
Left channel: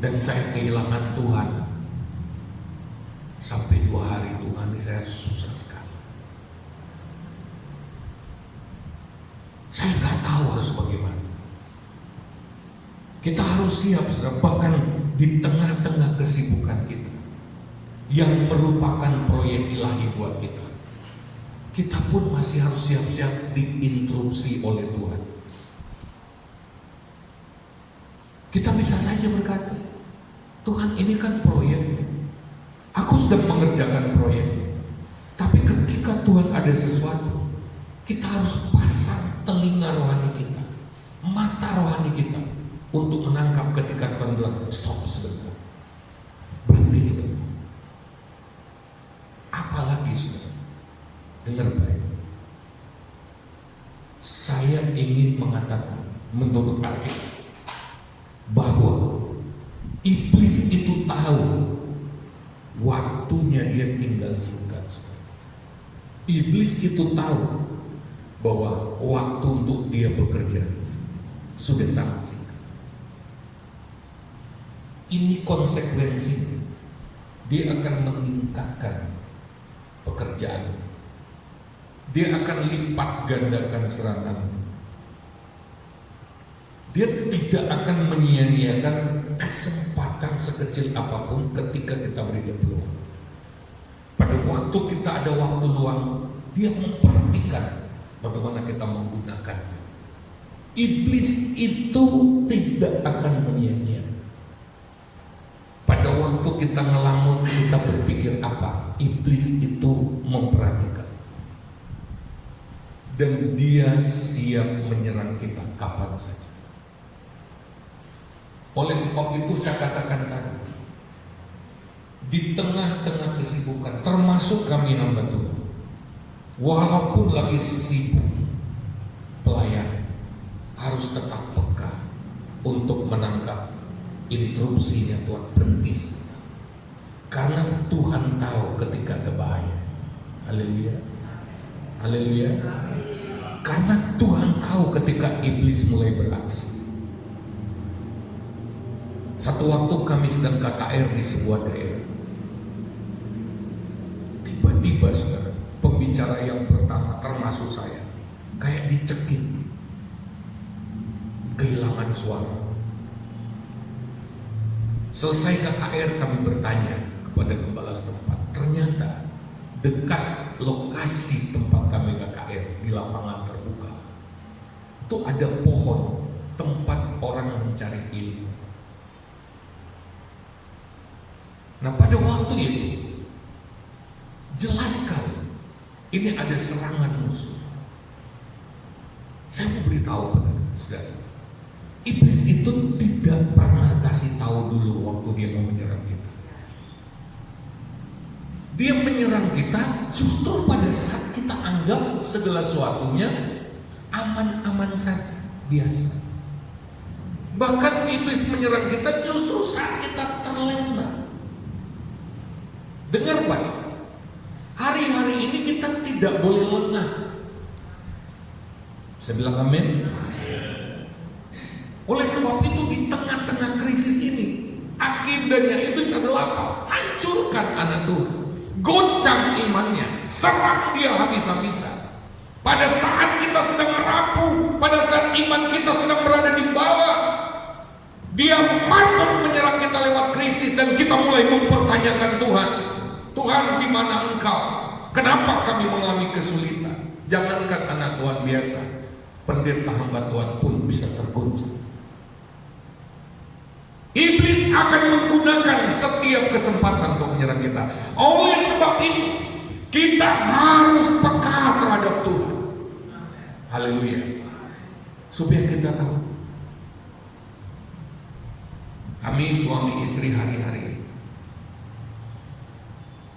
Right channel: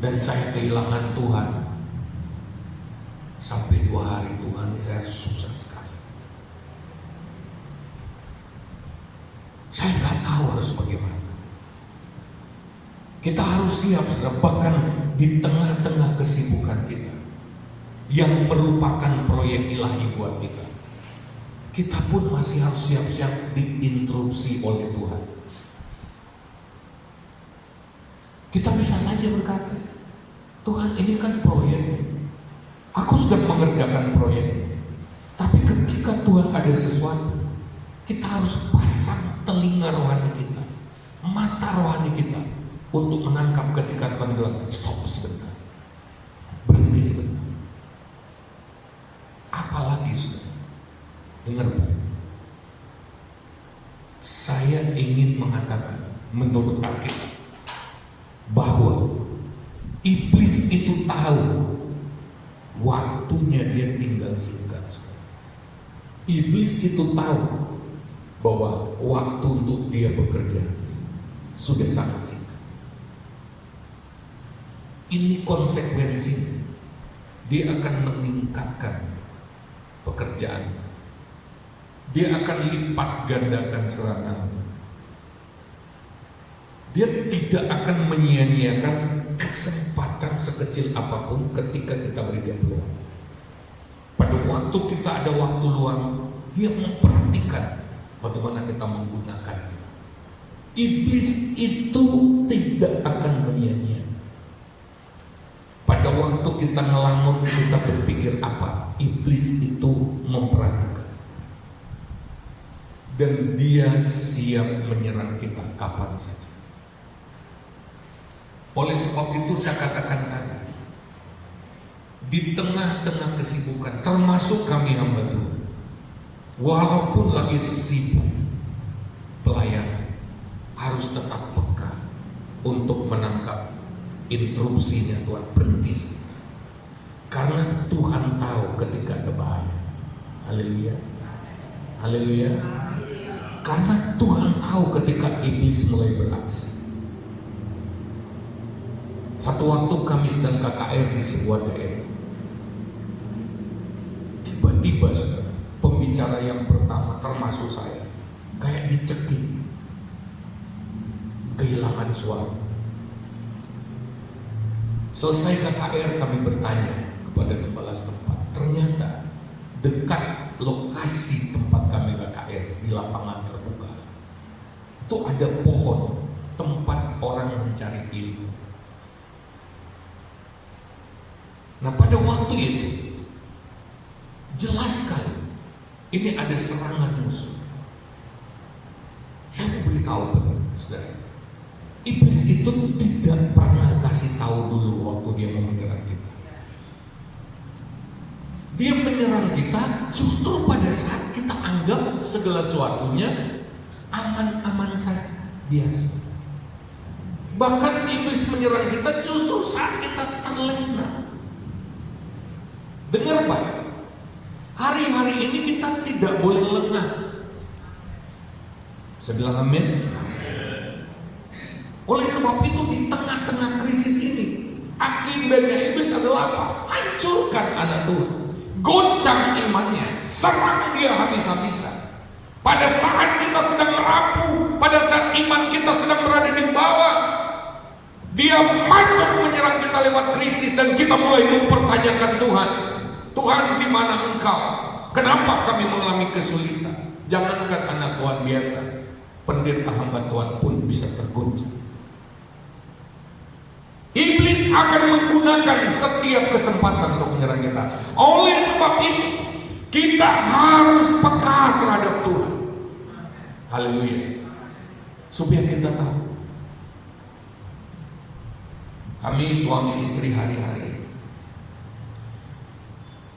dan saya kehilangan Tuhan. Sampai 2 hari Tuhan, ini saya susah sekali. Saya nggak tahu harus bagaimana. Kita harus siap, saudara, bahkan di tengah-tengah kesibukan kita yang merupakan proyek ilahi buat kita, kita pun masih harus siap-siap diinterupsi oleh Tuhan. Kita bisa saja berkata, Tuhan, ini kan proyek, aku sedang mengerjakan proyek. Tapi ketika Tuhan ada sesuatu, kita harus pasang telinga rohani kita, mata rohani kita, untuk menangkap ketika Tuhan bilang, stop sebentar, berhenti sebentar. Apalagi saudara, dengar baik, saya ingin mengatakan menurut Alkitab bahwa iblis itu tahu waktunya dia tinggal singkat. Iblis itu tahu bahwa waktu untuk dia bekerja sudah sangat singkat. Ini konsekuensinya, dia akan meningkatkan pekerjaan, dia akan lipat gandakan serangan, dia tidak akan menyia-nyiakan kesempatan sekecil apapun ketika kita beri dia peluang. Pada waktu kita ada waktu luang, dia memperhatikan bagaimana kita menggunakannya. Iblis itu tidak akan menyia-nyiakan. Pada waktu kita ngelamun, kita berpikir apa? Iblis itu memperhatikan. Dan dia siap menyerang kita kapan saja. Oleh sebab itu saya katakan tadi, di tengah-tengah kesibukan, termasuk kami hamba Tuhan, walaupun lagi sibuk pelayan, harus tetap peka untuk menangkap interupsinya Tuhan. Berhenti sebentar, Karena Tuhan tahu ketika ada bahaya. Haleluya. Haleluya. Karena Tuhan tahu ketika iblis mulai beraksi. Satu waktu kami sedang KKR di sebuah daerah. Tiba-tiba saudara, pembicara yang pertama termasuk saya kayak dicekik, kehilangan suara. Selesai KKR kami bertanya kepada gembala setempat. Ternyata dekat lokasi tempat kami KKR di lapangan terbuka itu ada pohon tempat orang mencari ilmu. Nah pada waktu itu jelas sekali ini ada serangan musuh. Saya mau beritahu pada saudara, iblis itu tidak pernah kasih tahu dulu waktu dia mau menyerang kita. Dia menyerang kita justru pada saat kita anggap segala sesuatunya aman-aman saja, biasa. Bahkan iblis menyerang kita justru saat kita terlena. Dengar baik, hari-hari ini kita tidak boleh lengah. Saya bilang amin. Oleh sebab itu di tengah-tengah krisis ini, agendanya iblis adalah apa? Hancurkan anak Tuhan, goncang imannya, serang dia habis-habisan. Pada saat kita sedang merapuh, pada saat iman kita sedang berada di bawah, dia masuk menyerang kita lewat krisis dan kita mulai mempertanyakan Tuhan. Tuhan, di mana Engkau? Kenapa kami mengalami kesulitan? Jangankan anak Tuhan biasa, pendeta hamba Tuhan pun bisa tergoncang. Iblis akan menggunakan setiap kesempatan untuk menyerang kita. Oleh sebab itu, kita harus peka terhadap Tuhan. Haleluya. Supaya kita tahu. Kami suami istri hari-hari,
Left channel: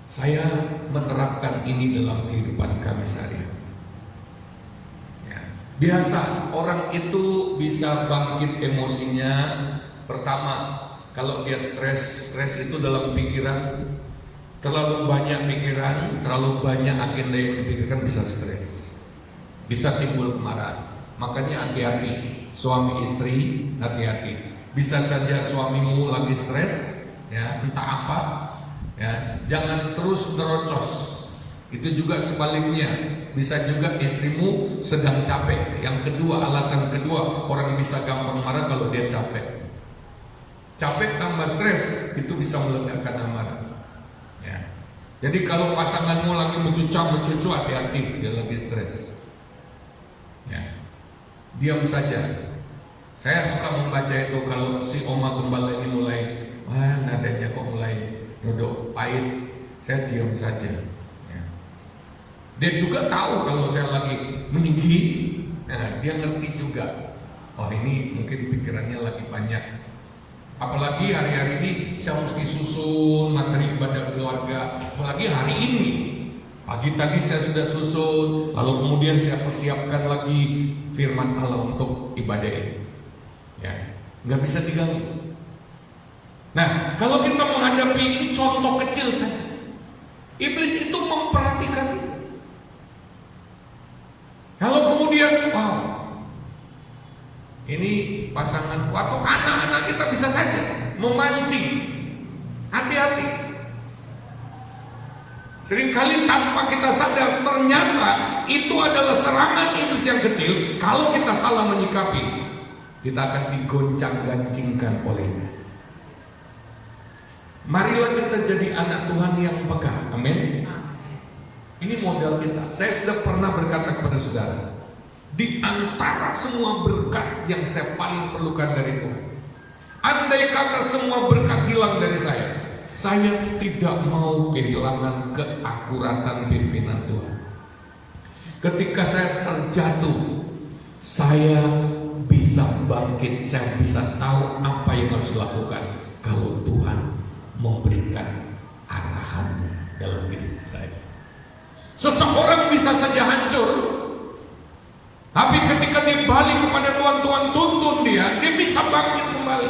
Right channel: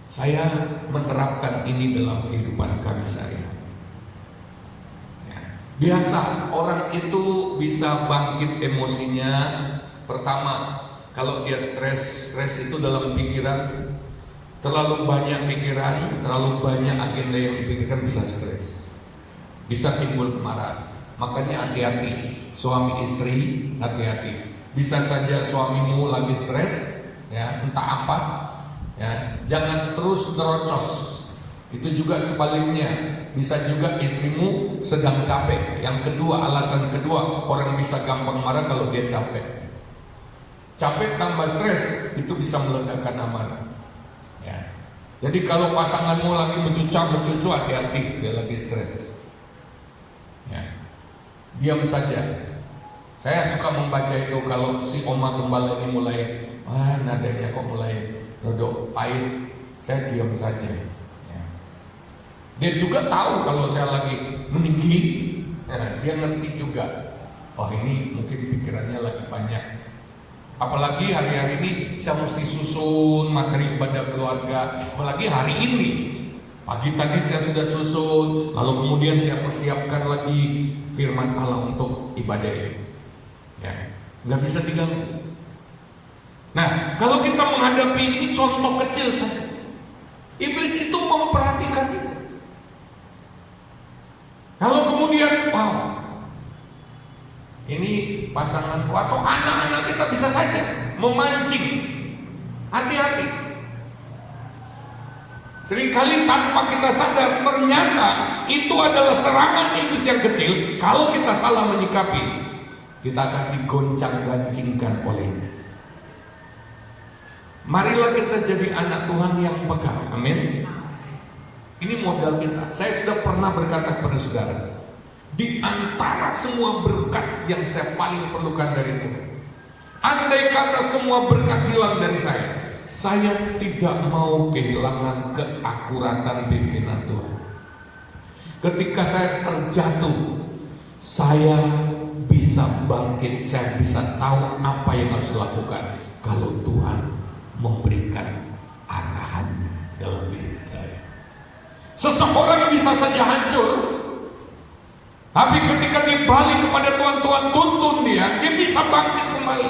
saya menerapkan ini dalam kehidupan kami sehari-hari. Biasa orang itu bisa bangkit emosinya. Pertama, kalau dia stres itu dalam pikiran, terlalu banyak pikiran, terlalu banyak agenda yang dipikirkan bisa stres, bisa timbul kemarahan. Makanya hati-hati, suami istri hati-hati. Bisa saja suamimu lagi stres, ya entah apa, ya jangan terus nerocos. Itu juga sebaliknya, bisa juga istrimu sedang capek. Yang kedua, alasan kedua, orang bisa gampang marah kalau dia capek. Capek tambah stres itu bisa melegakan amarah. Ya. Jadi kalau pasanganmu lagi mencucu, hati-hati, dia lagi stres. Ya. Diam saja. Saya suka membaca itu kalau si Oma Gembala ini mulai, nadanya kok mulai rodok pahit, saya diam saja. Ya. Dia juga tahu kalau saya lagi meninggi, nah, dia ngerti juga. Oh ini mungkin pikirannya lagi banyak. Apalagi hari-hari ini saya mesti susun materi ibadah keluarga. Apalagi hari ini, pagi tadi saya sudah susun, lalu kemudian saya persiapkan lagi firman Allah untuk ibadah ini. Ya, nggak bisa diganggu. Nah, kalau kita menghadapi ini contoh kecil saja, iblis itu memperhatikan itu. Kalau kemudian, wow, ini pasanganku atau anak-anak kita bisa saja memancing. Hati-hati. Seringkali tanpa kita sadar, ternyata itu adalah serangan iblis yang kecil. Kalau kita salah menyikapi, kita akan digoncang-gancingkan olehnya. Marilah kita jadi anak Tuhan yang peka. Amin. Ini modal kita. Saya sudah pernah berkata kepada saudara, di antara semua berkat yang saya paling perlukan dari Tuhan, andai kata semua berkat hilang dari saya tidak mau kehilangan keakuratan pimpinan Tuhan. Ketika saya terjatuh, saya bisa bangkit, saya bisa tahu apa yang harus dilakukan kalau Tuhan memberikan arahan dalam hidup saya. Seseorang bisa saja hancur, tapi ketika dia balik kepada Tuhan, Tuhan tuntun dia bisa bangkit kembali.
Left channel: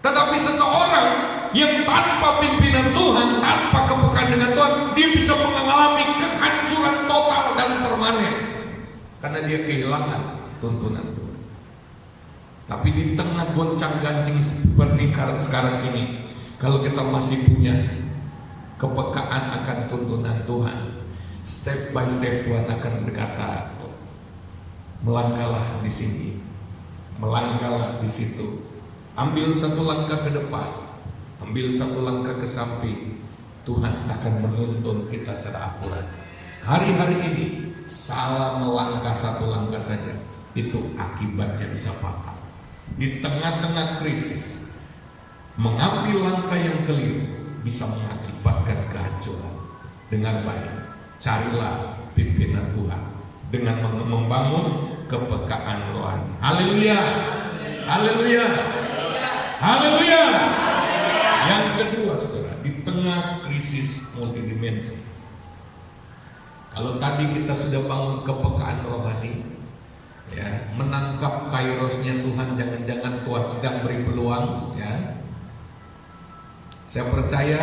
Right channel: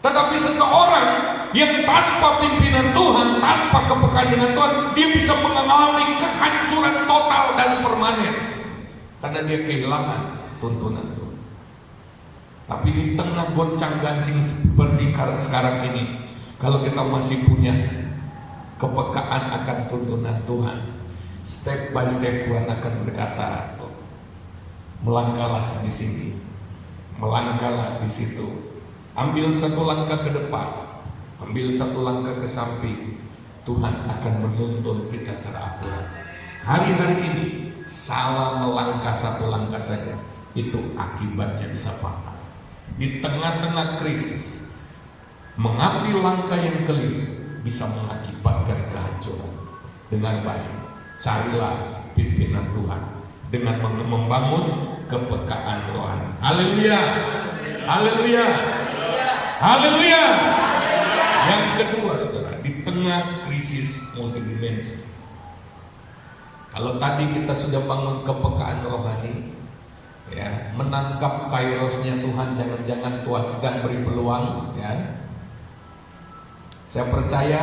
Tetapi seseorang yang tanpa pimpinan Tuhan, tanpa kepekaan dengan Tuhan, dia bisa mengalami kehancuran total dan permanen karena dia kehilangan tuntunan Tuhan. Tapi di tengah goncang-gancing seperti sekarang ini, kalau kita masih punya kepekaan akan tuntunan Tuhan, step by step Tuhan akan berkata, melangkahlah di sini, melangkahlah di situ, ambil satu langkah ke depan, ambil satu langkah ke samping. Tuhan akan menuntun kita secara akurat. Hari-hari ini salah melangkah satu langkah saja, itu akibatnya bisa fatal. Di tengah-tengah krisis, mengambil langkah yang keliru bisa mengakibatkan kehancuran. Dengar baik, carilah pimpinan Tuhan dengan membangun kepekaan rohani. Haleluya, haleluya, haleluya. Yang kedua, saudara, di tengah krisis multidimensi, kalau tadi kita sudah bangun kepekaan rohani, ya, menangkap kairosnya Tuhan, jangan-jangan Tuhan sedang beri peluang, ya. Saya percaya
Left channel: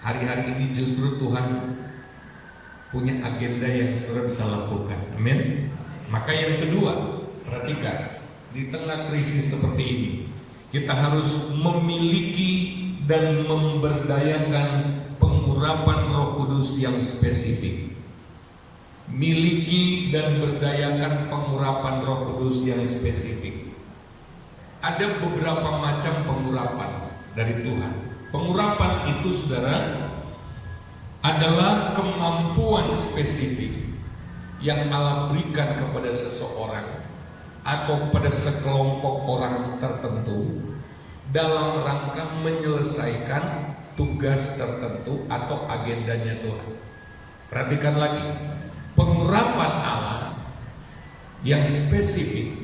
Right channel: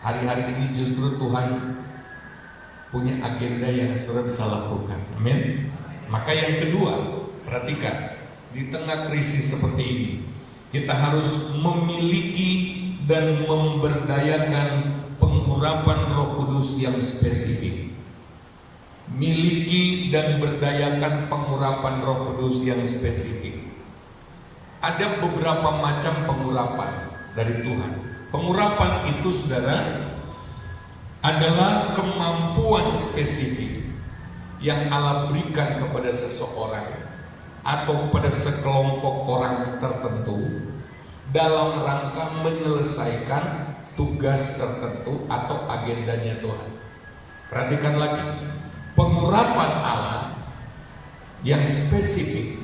hari-hari ini justru Tuhan punya agenda yang saudara bisa lakukan. Amin. Maka yang kedua, perhatikan, di tengah krisis seperti ini, kita harus memiliki dan memberdayakan pengurapan Roh Kudus yang spesifik. Miliki dan berdayakan pengurapan Roh Kudus yang spesifik. Ada beberapa macam pengurapan dari Tuhan. Pengurapan itu, saudara, adalah kemampuan spesifik yang Allah berikan kepada seseorang atau pada sekelompok orang tertentu dalam rangka menyelesaikan tugas tertentu atau agendanya Tuhan. Perhatikan lagi, pengurapan Allah yang spesifik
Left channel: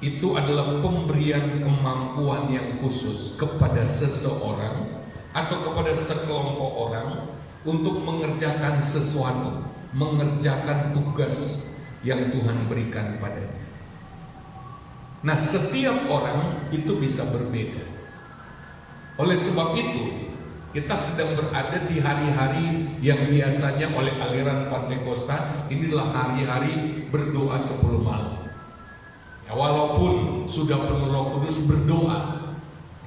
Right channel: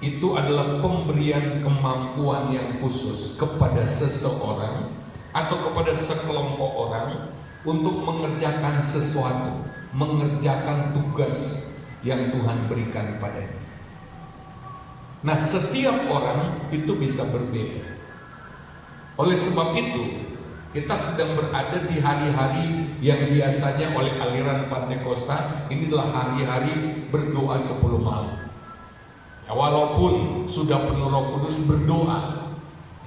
itu adalah pemberian kemampuan yang khusus kepada seseorang atau kepada sekelompok orang untuk mengerjakan sesuatu, mengerjakan tugas yang Tuhan berikan padanya. Nah, setiap orang itu bisa berbeda. Oleh sebab itu, kita sedang berada di hari-hari yang biasanya oleh aliran Pantekosta, inilah hari-hari berdoa 10 malam. Ya, walaupun sudah penuh Roh Kudus, berdoa.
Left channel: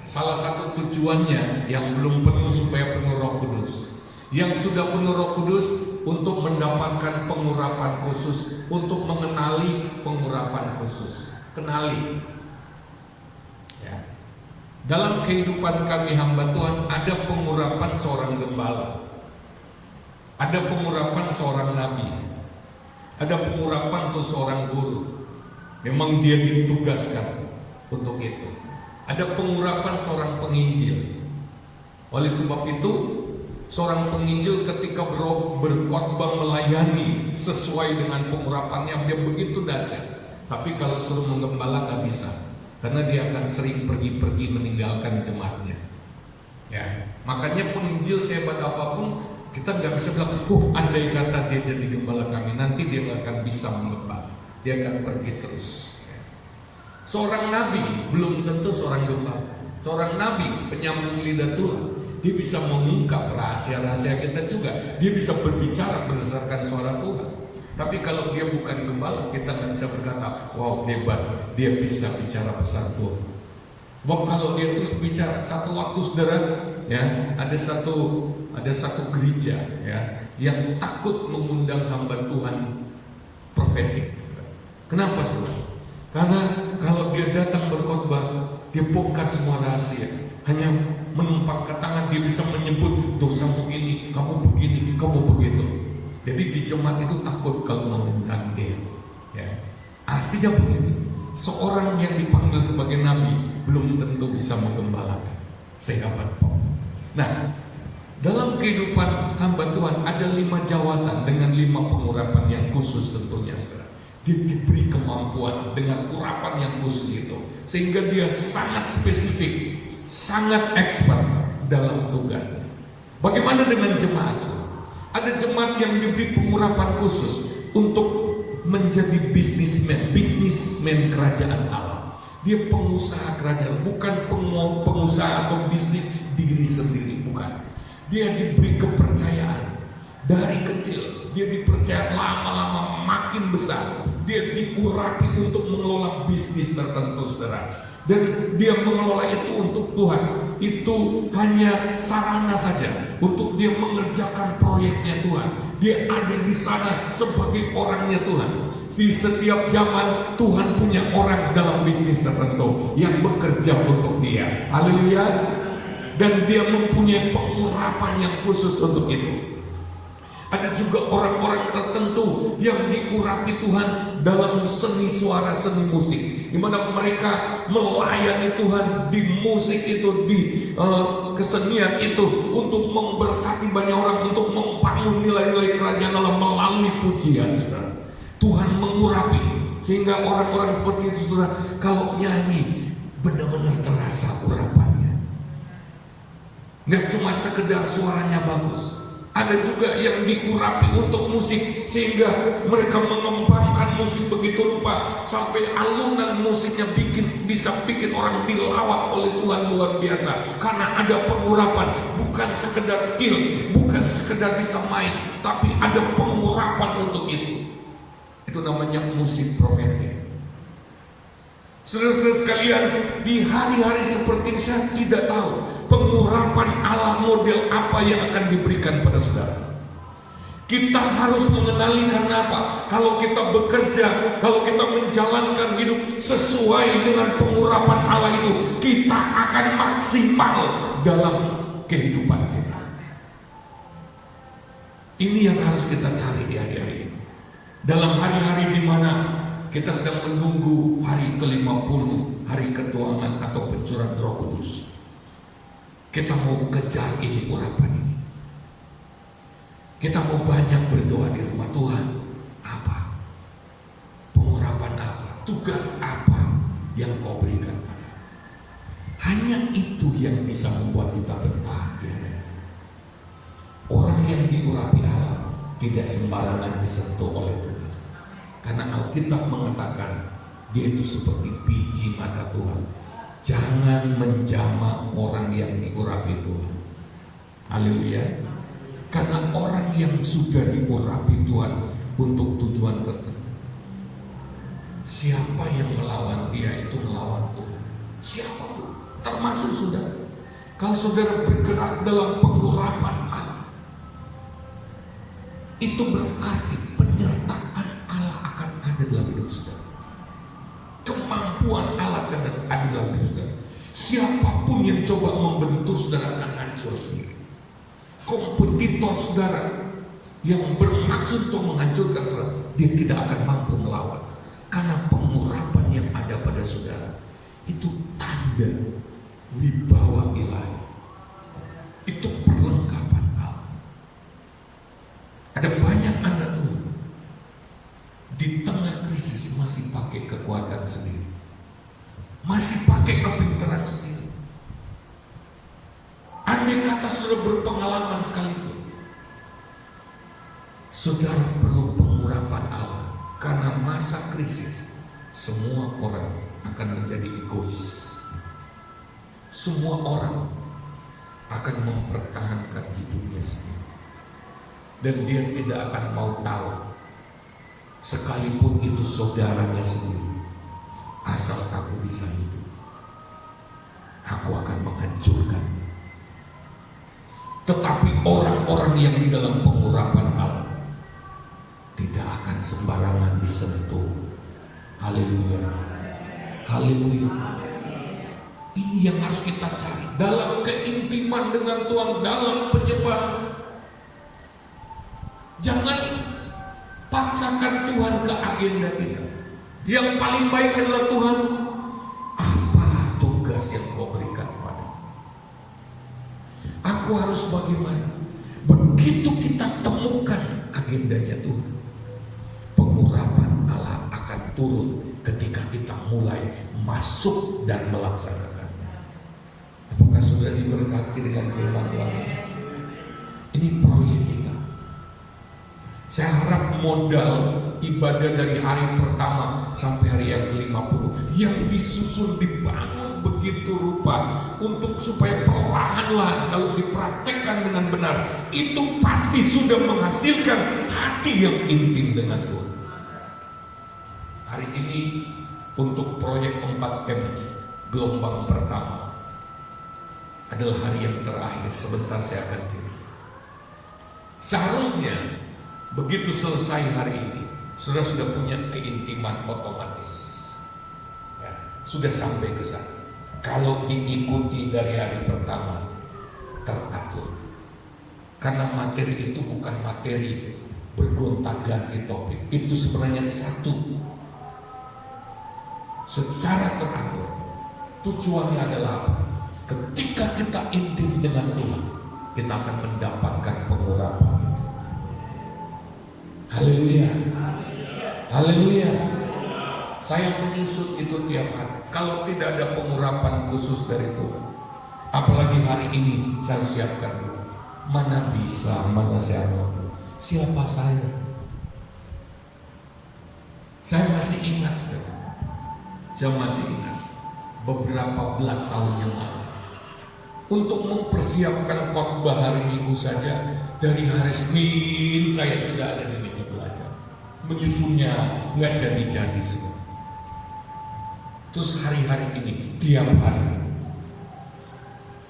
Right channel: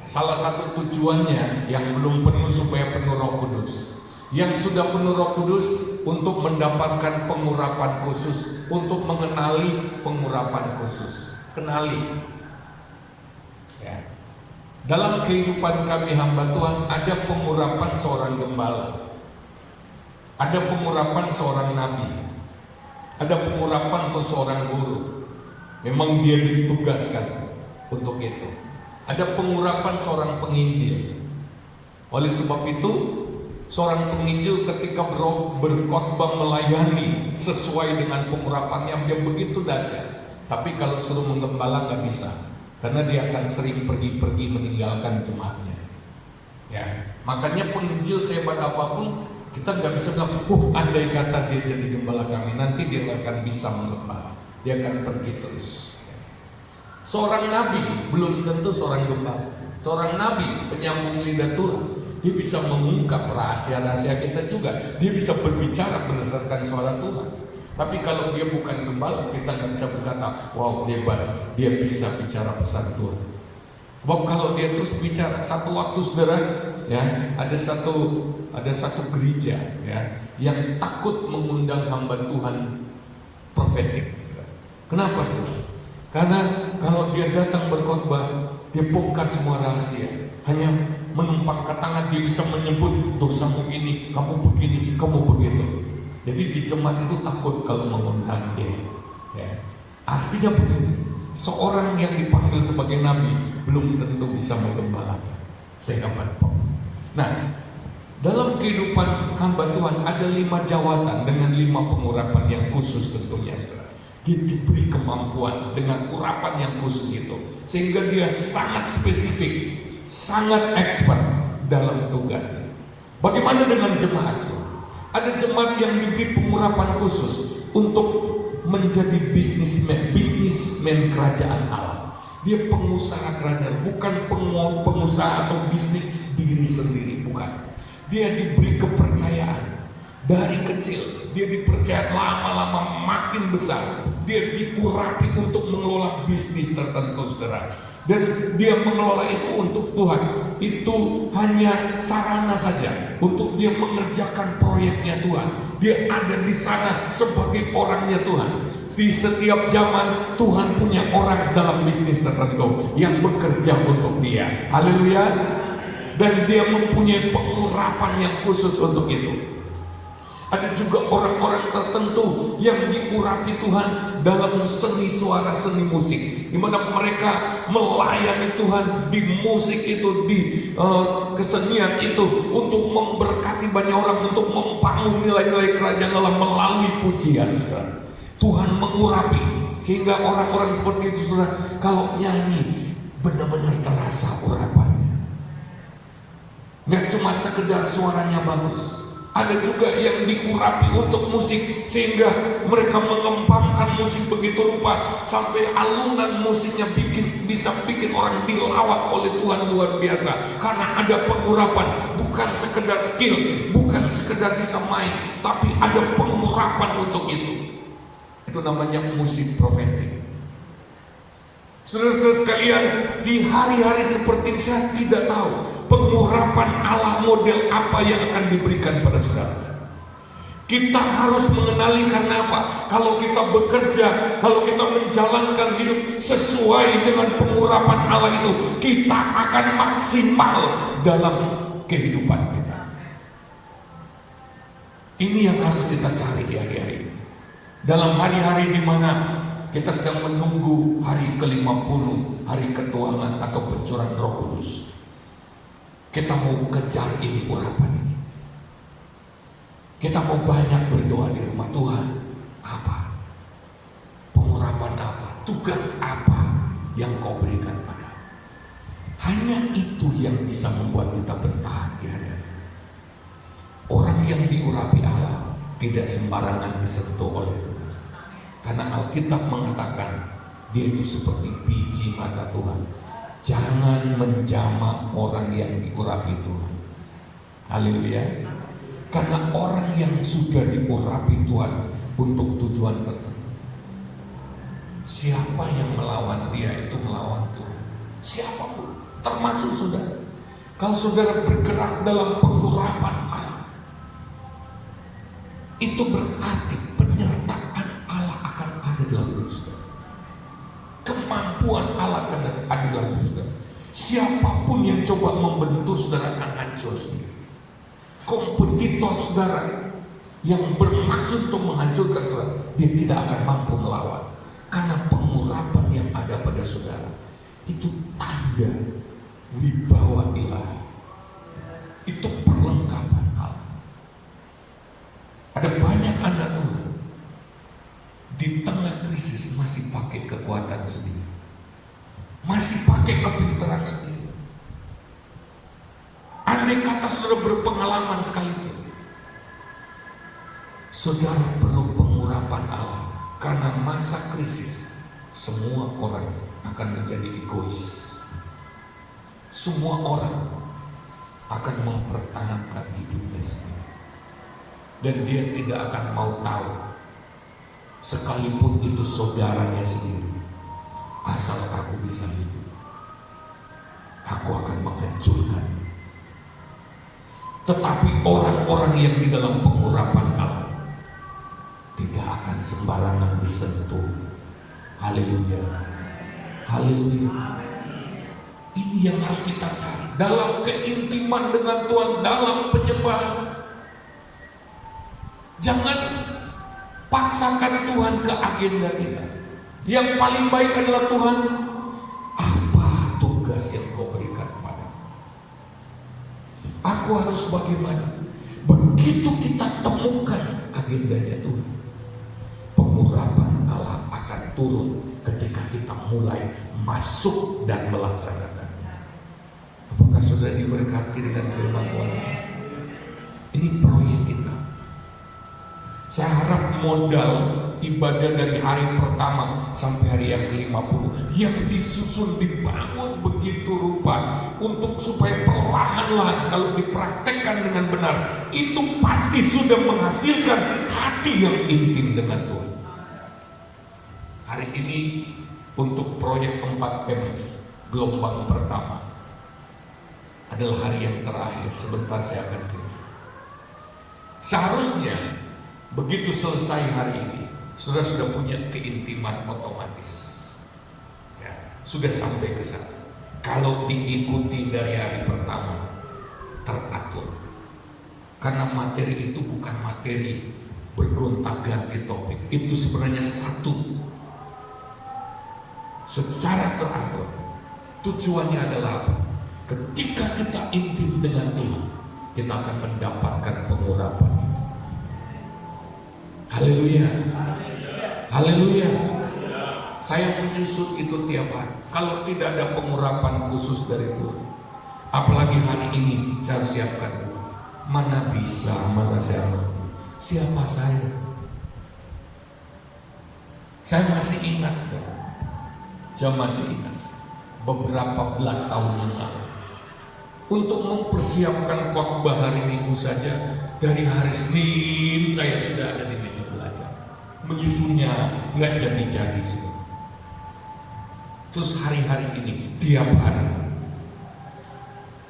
Salah satu tujuannya yang belum penuh supaya penuh Roh Kudus. Yang sudah penuh Roh Kudus untuk mendapatkan pengurapan khusus, untuk mengenali pengurapan khusus. Kenali. Ya. Dalam kehidupan kami hamba Tuhan ada pengurapan seorang gembala, ada pengurapan seorang nabi, ada pengurapan untuk seorang guru. Memang dia ditugaskan untuk itu. Ada pengurapan seorang penginjil. Oleh sebab itu, seorang penginjil ketika berkhotbah melayani sesuai dengan pengurapannya, dia begitu dahsyat. Tapi kalau suruh menggembala nggak bisa, karena dia akan sering pergi-pergi meninggalkan jemaatnya. Ya, makanya penginjil sehebat apapun kita nggak bisa bilang, andai kata dia jadi gembala kami, nanti dia nggak akan bisa menggembala, dia akan pergi terus. Ya. Seorang nabi belum tentu seorang gembala. Seorang nabi penyambung lidah Tuhan, dia bisa mengungkap rahasia-rahasia kita juga, dia bisa berbicara berdasarkan suara Tuhan. Tapi kalau dia bukan gembala, kita nggak bisa berkata, wow hebat, dia bisa bicara pesan Tuhan. Sebab kalau dia terus bicara, satu waktu saudara, ya, ada satu gereja, ya, yang takut mengundang hamba Tuhan profetik. Kenapa saudara? Karena kalau dia datang berkhotbah, dia bongkar semua rahasia. Hanya menumpangkan tangan, dia bisa menyebut dosamu ini, kamu begini, kamu begitu. Jadi di jemaat itu takut kalau mengundang dia. Ya. Artinya begini, seorang yang dipanggil sebagai nabi belum tentu bisa menggembalakan. Saya dapat. Nah, dalam kehidupan hamba Tuhan ada 5 jawatan dengan 5 pengurapan yang khusus tentunya, saudara. Dia diberi kemampuan dengan urapan yang khusus itu, sehingga dia sangat spesifik, sangat expert dalam tugasnya. Bagaimana dengan jemaat, saudara? Ada jemaat yang diberi pengurapan khusus untuk menjadi bisnismen kerajaan Allah. Dia pengusaha kerajaan, bukan pengusaha atau bisnis diri sendiri, bukan. Dia diberi kepercayaan dari kecil. Dia dipercaya, lama-lama makin besar dia diurapi untuk mengelola bisnis tertentu, saudara. Dan dia mengelola itu untuk Tuhan. Itu hanya sarana saja untuk dia mengerjakan proyeknya Tuhan. Dia ada di sana sebagai orangnya Tuhan. Di setiap zaman Tuhan punya orang dalam bisnis tertentu yang bekerja untuk dia. Haleluya. Dan dia mempunyai pengurapan yang khusus untuk itu. Ada juga orang-orang tertentu yang diurapi Tuhan dalam seni suara, seni musik, di mana mereka melayani Tuhan di musik itu, di kesenian itu, untuk memberkati banyak orang, untuk membangun nilai-nilai kerajaan Allah melalui pujian. Tuhan mengurapi sehingga orang-orang seperti itu, saudara, kalau nyanyi benar-benar terasa urapannya. Nggak cuma sekedar suaranya bagus. Ada juga yang diurapi untuk musik sehingga mereka mengembangkan musik begitu rupa sampai alunan musiknya bisa bikin orang dilawat oleh Tuhan luar biasa. Karena ada pengurapan, bukan sekedar skill, bukan sekedar bisa main, tapi ada pengurapan untuk itu. Itu namanya musik profetik. Saudara-saudara sekalian, di hari-hari seperti ini saya tidak tahu pengurapan Allah model apa yang akan diberikan pada saudara. Kita harus mengenali, karena apa? Kalau kita bekerja, kalau kita menjalankan hidup sesuai dengan pengurapan Allah itu, kita akan maksimal dalam kehidupan kita. Ini yang harus kita cari di hari-hari ini. Dalam hari-hari di mana kita sedang menunggu hari ke-50, hari ketuangan atau pencurahan Roh Kudus. Kita mau kejar ini, urapan ini. Kita mau banyak berdoa di rumah Tuhan. Apa? Pengurapan apa? Tugas apa yang Kau berikan pada? Hanya itu yang bisa membuat kita bertahan di hari-hari. Orang yang diurapi Allah tidak sembarangan disentuh oleh Tuhan. Karena Alkitab mengatakan dia itu seperti biji mata Tuhan. Jangan menjamah orang yang diurapi Tuhan. Haleluya. Karena orang yang sudah diurapi Tuhan untuk tujuan tertentu, siapa yang melawan dia itu melawan Tuhan. Siapapun, termasuk saudara. Kalau saudara bergerak dalam pengurapan Allah, itu berarti penyertaan Allah akan ada dalam hidup saudara. Kemampuan Allah akan ada dalam hidup saudara. Siapapun yang coba membentur saudara akan hancur sendiri. Kompetitor saudara yang bermaksud untuk menghancurkan saudara, dia tidak akan mampu melawan. Karena pengurapan yang ada pada saudara itu tanda wibawa ilahi. Itu perlengkapan Allah. Ada banyak anak Tuhan di tengah krisis masih pakai kekuatan sendiri, masih pakai kepintaran sendiri. Andai kata saudara berpengalaman sekalipun, saudara perlu pengurapan Allah. Karena masa krisis, semua orang akan menjadi egois. Semua orang akan mempertahankan hidupnya sendiri, dan dia tidak akan mau tahu, sekalipun itu saudaranya sendiri. Asal aku bisa hidup, aku akan menghancurkan. Tetapi orang-orang yang di dalam pengurapan Allah tidak akan sembarangan disentuh. Haleluya. Haleluya. Ini yang harus kita cari dalam keintiman dengan Tuhan, dalam penyembahan. Jangan paksakan Tuhan ke agenda kita. Yang paling baik adalah Tuhan, apa tugas yang Kau berikan kepada aku, harus bagaimana? Begitu kita temukan agendanya Tuhan, pengurapan Allah akan turun ketika kita mulai masuk dan melaksanakannya. Apakah saudara diberkati dengan firman Tuhan? Ini proyek kita. Saya harap modal ibadah dari hari pertama sampai hari yang ke-50 yang disusun, dibangun begitu rupa untuk supaya perlahan-lahan kalau dipraktekkan dengan benar itu pasti sudah menghasilkan hati yang intim dengan Tuhan. Hari ini untuk proyek 4M gelombang pertama adalah hari yang terakhir. Sebentar saya akan kirim. Seharusnya begitu selesai hari ini, saudara sudah punya keintiman otomatis, ya, sudah sampai ke sana. Kalau diikuti dari hari pertama, teratur. Karena materi itu bukan materi bergonta-ganti topik, itu sebenarnya satu, secara teratur. Tujuannya adalah apa? Ketika kita intim dengan Tuhan, kita akan mendapatkan pengurapan. Haleluya, haleluya. Saya menyusut itu tiap hari. Kalau tidak ada pengurapan khusus dari Tuhan, apalagi hari ini saya siapkan. Mana bisa, mana saya mampu. Siapa saya? Saya masih ingat, saudara. Saya masih ingat beberapa belas tahun yang lalu. Untuk mempersiapkan khotbah hari Minggu saja, dari hari Senin saya sudah ada di meja belajar. Menyusunnya nggak jadi-jadi semua. Terus hari-hari ini, tiap hari.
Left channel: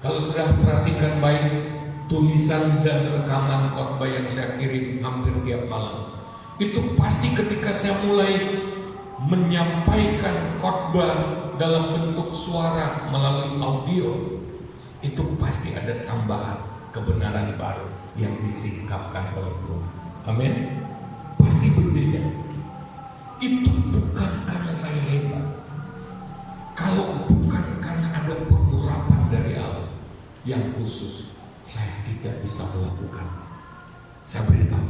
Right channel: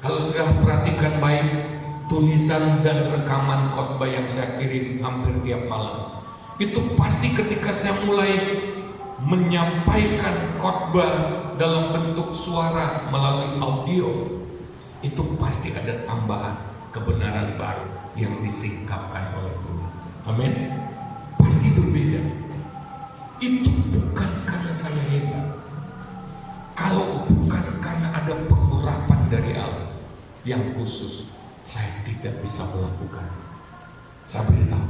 Kalau sudah perhatikan baik, tulisan dan rekaman khotbah yang saya kirim hampir tiap malam, itu pasti ketika saya mulai menyampaikan khotbah dalam bentuk suara melalui audio, itu pasti ada tambahan kebenaran baru yang disingkapkan oleh Tuhan. Amin. Pasti berbeda. Itu bukan karena saya hebat. Kalau bukan karena ada pengurapan dari Allah yang khusus, saya tidak bisa melakukan. Saya beritahu,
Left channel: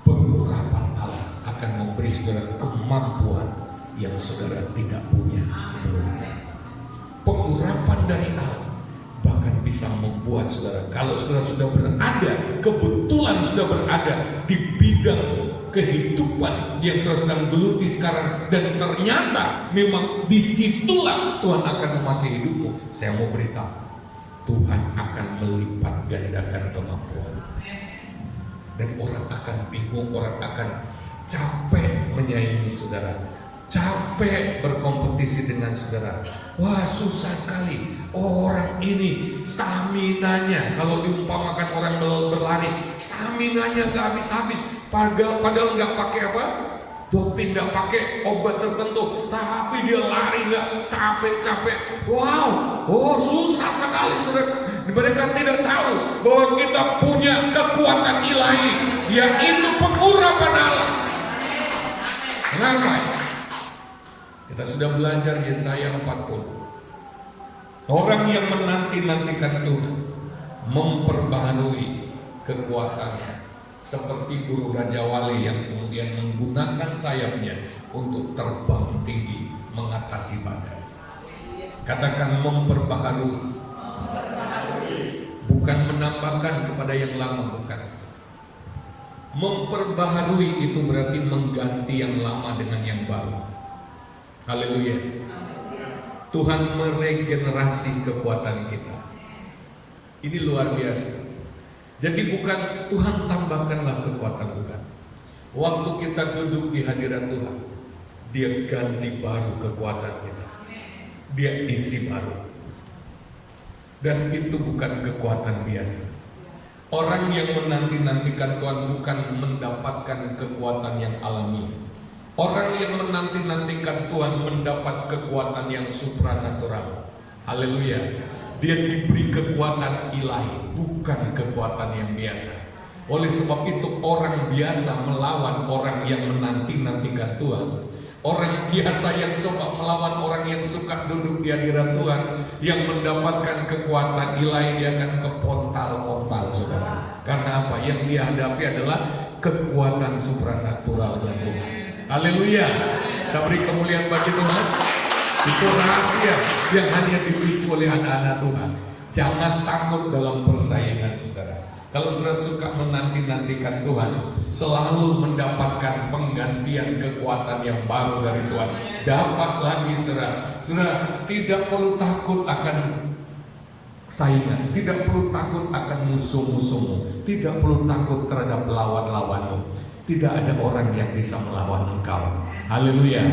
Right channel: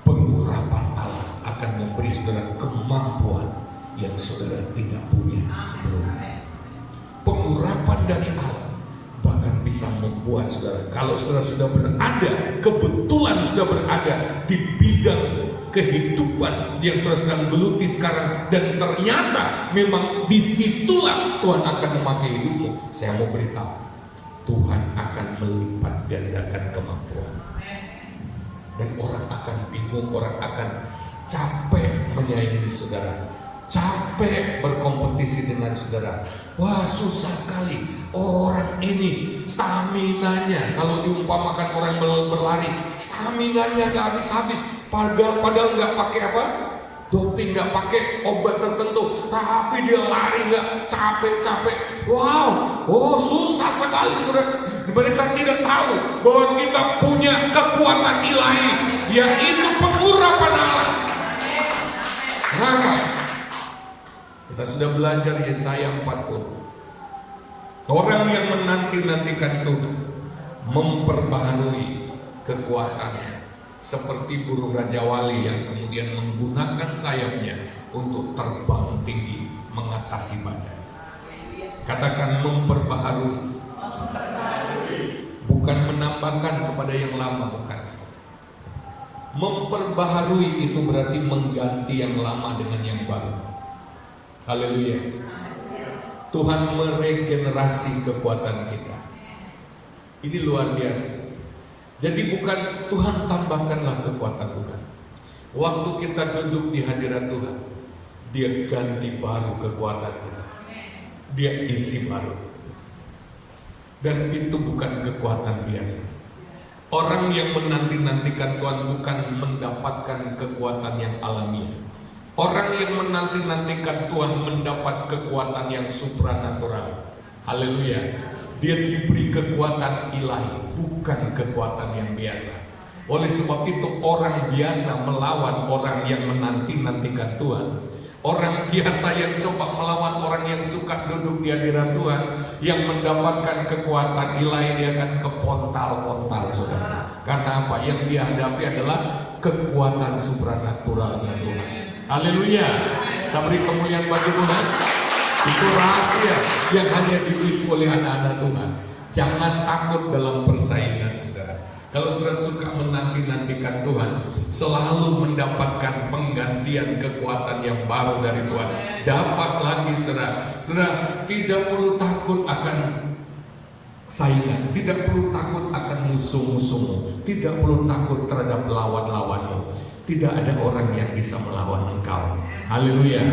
pengurapan Allah akan memberi saudara kemampuan yang saudara tidak punya sebelumnya. Pengurapan dari Allah bahkan bisa membuat saudara, kalau saudara sudah berada, kebetulan sudah berada di bidang kehidupan yang saudara sedang geluti sekarang, dan ternyata memang disitulah Tuhan akan memakai hidupmu. Saya mau beritahu, Tuhan akan melipat gandakan kemampuan. Dan orang akan bingung, orang akan capek menyaingi saudara, capek berkompetisi dengan saudara. Wah, susah sekali orang ini, staminanya, kalau diumpamakan orang berlari, staminanya nggak habis-habis, padahal nggak pakai apa? Doping, nggak pakai obat tertentu, tapi dia lari nggak capek-capek. Wow, oh susah sekali saudara. Mereka tidak tahu bahwa kita punya kekuatan ilahi, yaitu pengurapan Allah. Kenapa? Kita sudah belajar Yesaya 40. Orang yang menanti-nantikan Tuhan memperbaharui kekuatannya seperti burung Raja Wali yang kemudian menggunakan sayapnya untuk terbang tinggi mengatasi badai. Katakan memperbaharui. Bukan menambahkan kepada yang lama, bukan. Memperbaharui itu berarti mengganti yang lama dengan yang baru. Haleluya. Tuhan meregenerasi kekuatan kita. Ini luar biasa. Jadi bukan Tuhan tambahkanlah kekuatan, bukan. Waktu kita duduk di hadirat Tuhan, Dia ganti baru kekuatan kita. Dia isi baru. Dan itu bukan kekuatan biasa. Orang yang menanti-nantikan Tuhan bukan mendapatkan kekuatan yang alamiah. Orang yang menanti-nantikan Tuhan mendapat kekuatan yang supranatural. Haleluya. Dia diberi kekuatan ilahi, bukan kekuatan yang biasa. Oleh sebab itu orang biasa melawan orang yang menanti-nantikan Tuhan. Orang biasa yang coba melawan orang yang suka duduk di hadirat Tuhan, yang mendapatkan kekuatan ilahi, dia akan kepontal-pontal, saudara. Karena apa? Yang dia hadapi adalah kekuatan supranatural dari Tuhan. Haleluya. Saya beri kemuliaan bagi Tuhan. Itu rahasia yang hanya dimiliki oleh anak-anak Tuhan. Jangan takut dalam persaingan, saudara. Kalau saudara suka menanti-nantikan Tuhan, selalu mendapatkan penggantian kekuatan yang baru dari Tuhan. Dapat lagi saudara. Saudara tidak perlu takut akan saingan, tidak perlu takut akan musuh-musuhmu, tidak perlu takut terhadap lawan-lawanmu. Tidak ada orang yang bisa melawan engkau. Haleluya.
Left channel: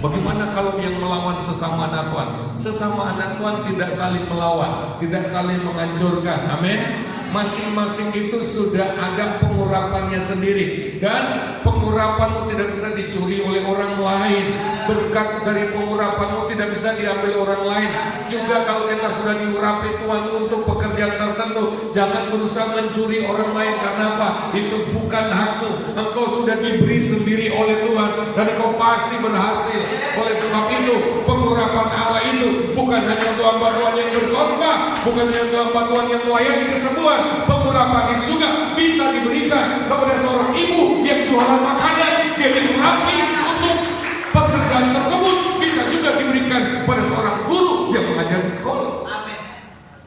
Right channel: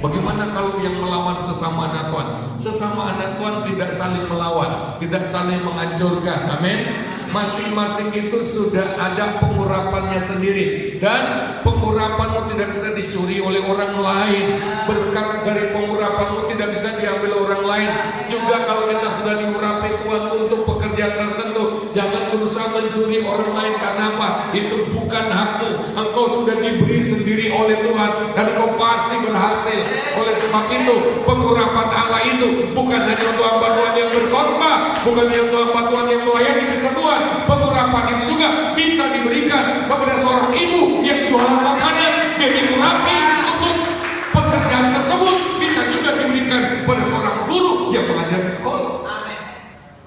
Bagaimana kalau yang melawan sesama anak Tuhan? Sesama anak Tuhan tidak saling melawan, tidak saling menghancurkan. Amin. Masing-masing itu sudah ada pengurapannya sendiri, dan pengurapanmu tidak bisa dicuri oleh orang lain. Berkat dari pengurapanmu tidak bisa diambil orang lain. Juga kalau kita sudah diurapi Tuhan untuk pekerjaan tertentu, jangan berusaha mencuri orang lain. Karena apa? Itu bukan hakmu. Engkau sudah diberi sendiri oleh Tuhan, dan engkau pasti berhasil. Oleh sebab itu, pengurapan Allah itu bukan hanya untuk hamba Tuhan yang berkhotbah, bukan hanya untuk hamba Tuhan yang melayani kesembuhan. Pengurapan itu juga bisa diberikan kepada seorang ibu yang jualan makanan. Dia diurapi untuk pekerjaan tersebut. Bisa juga diberikan kepada seorang guru yang mengajar di sekolah. Amin.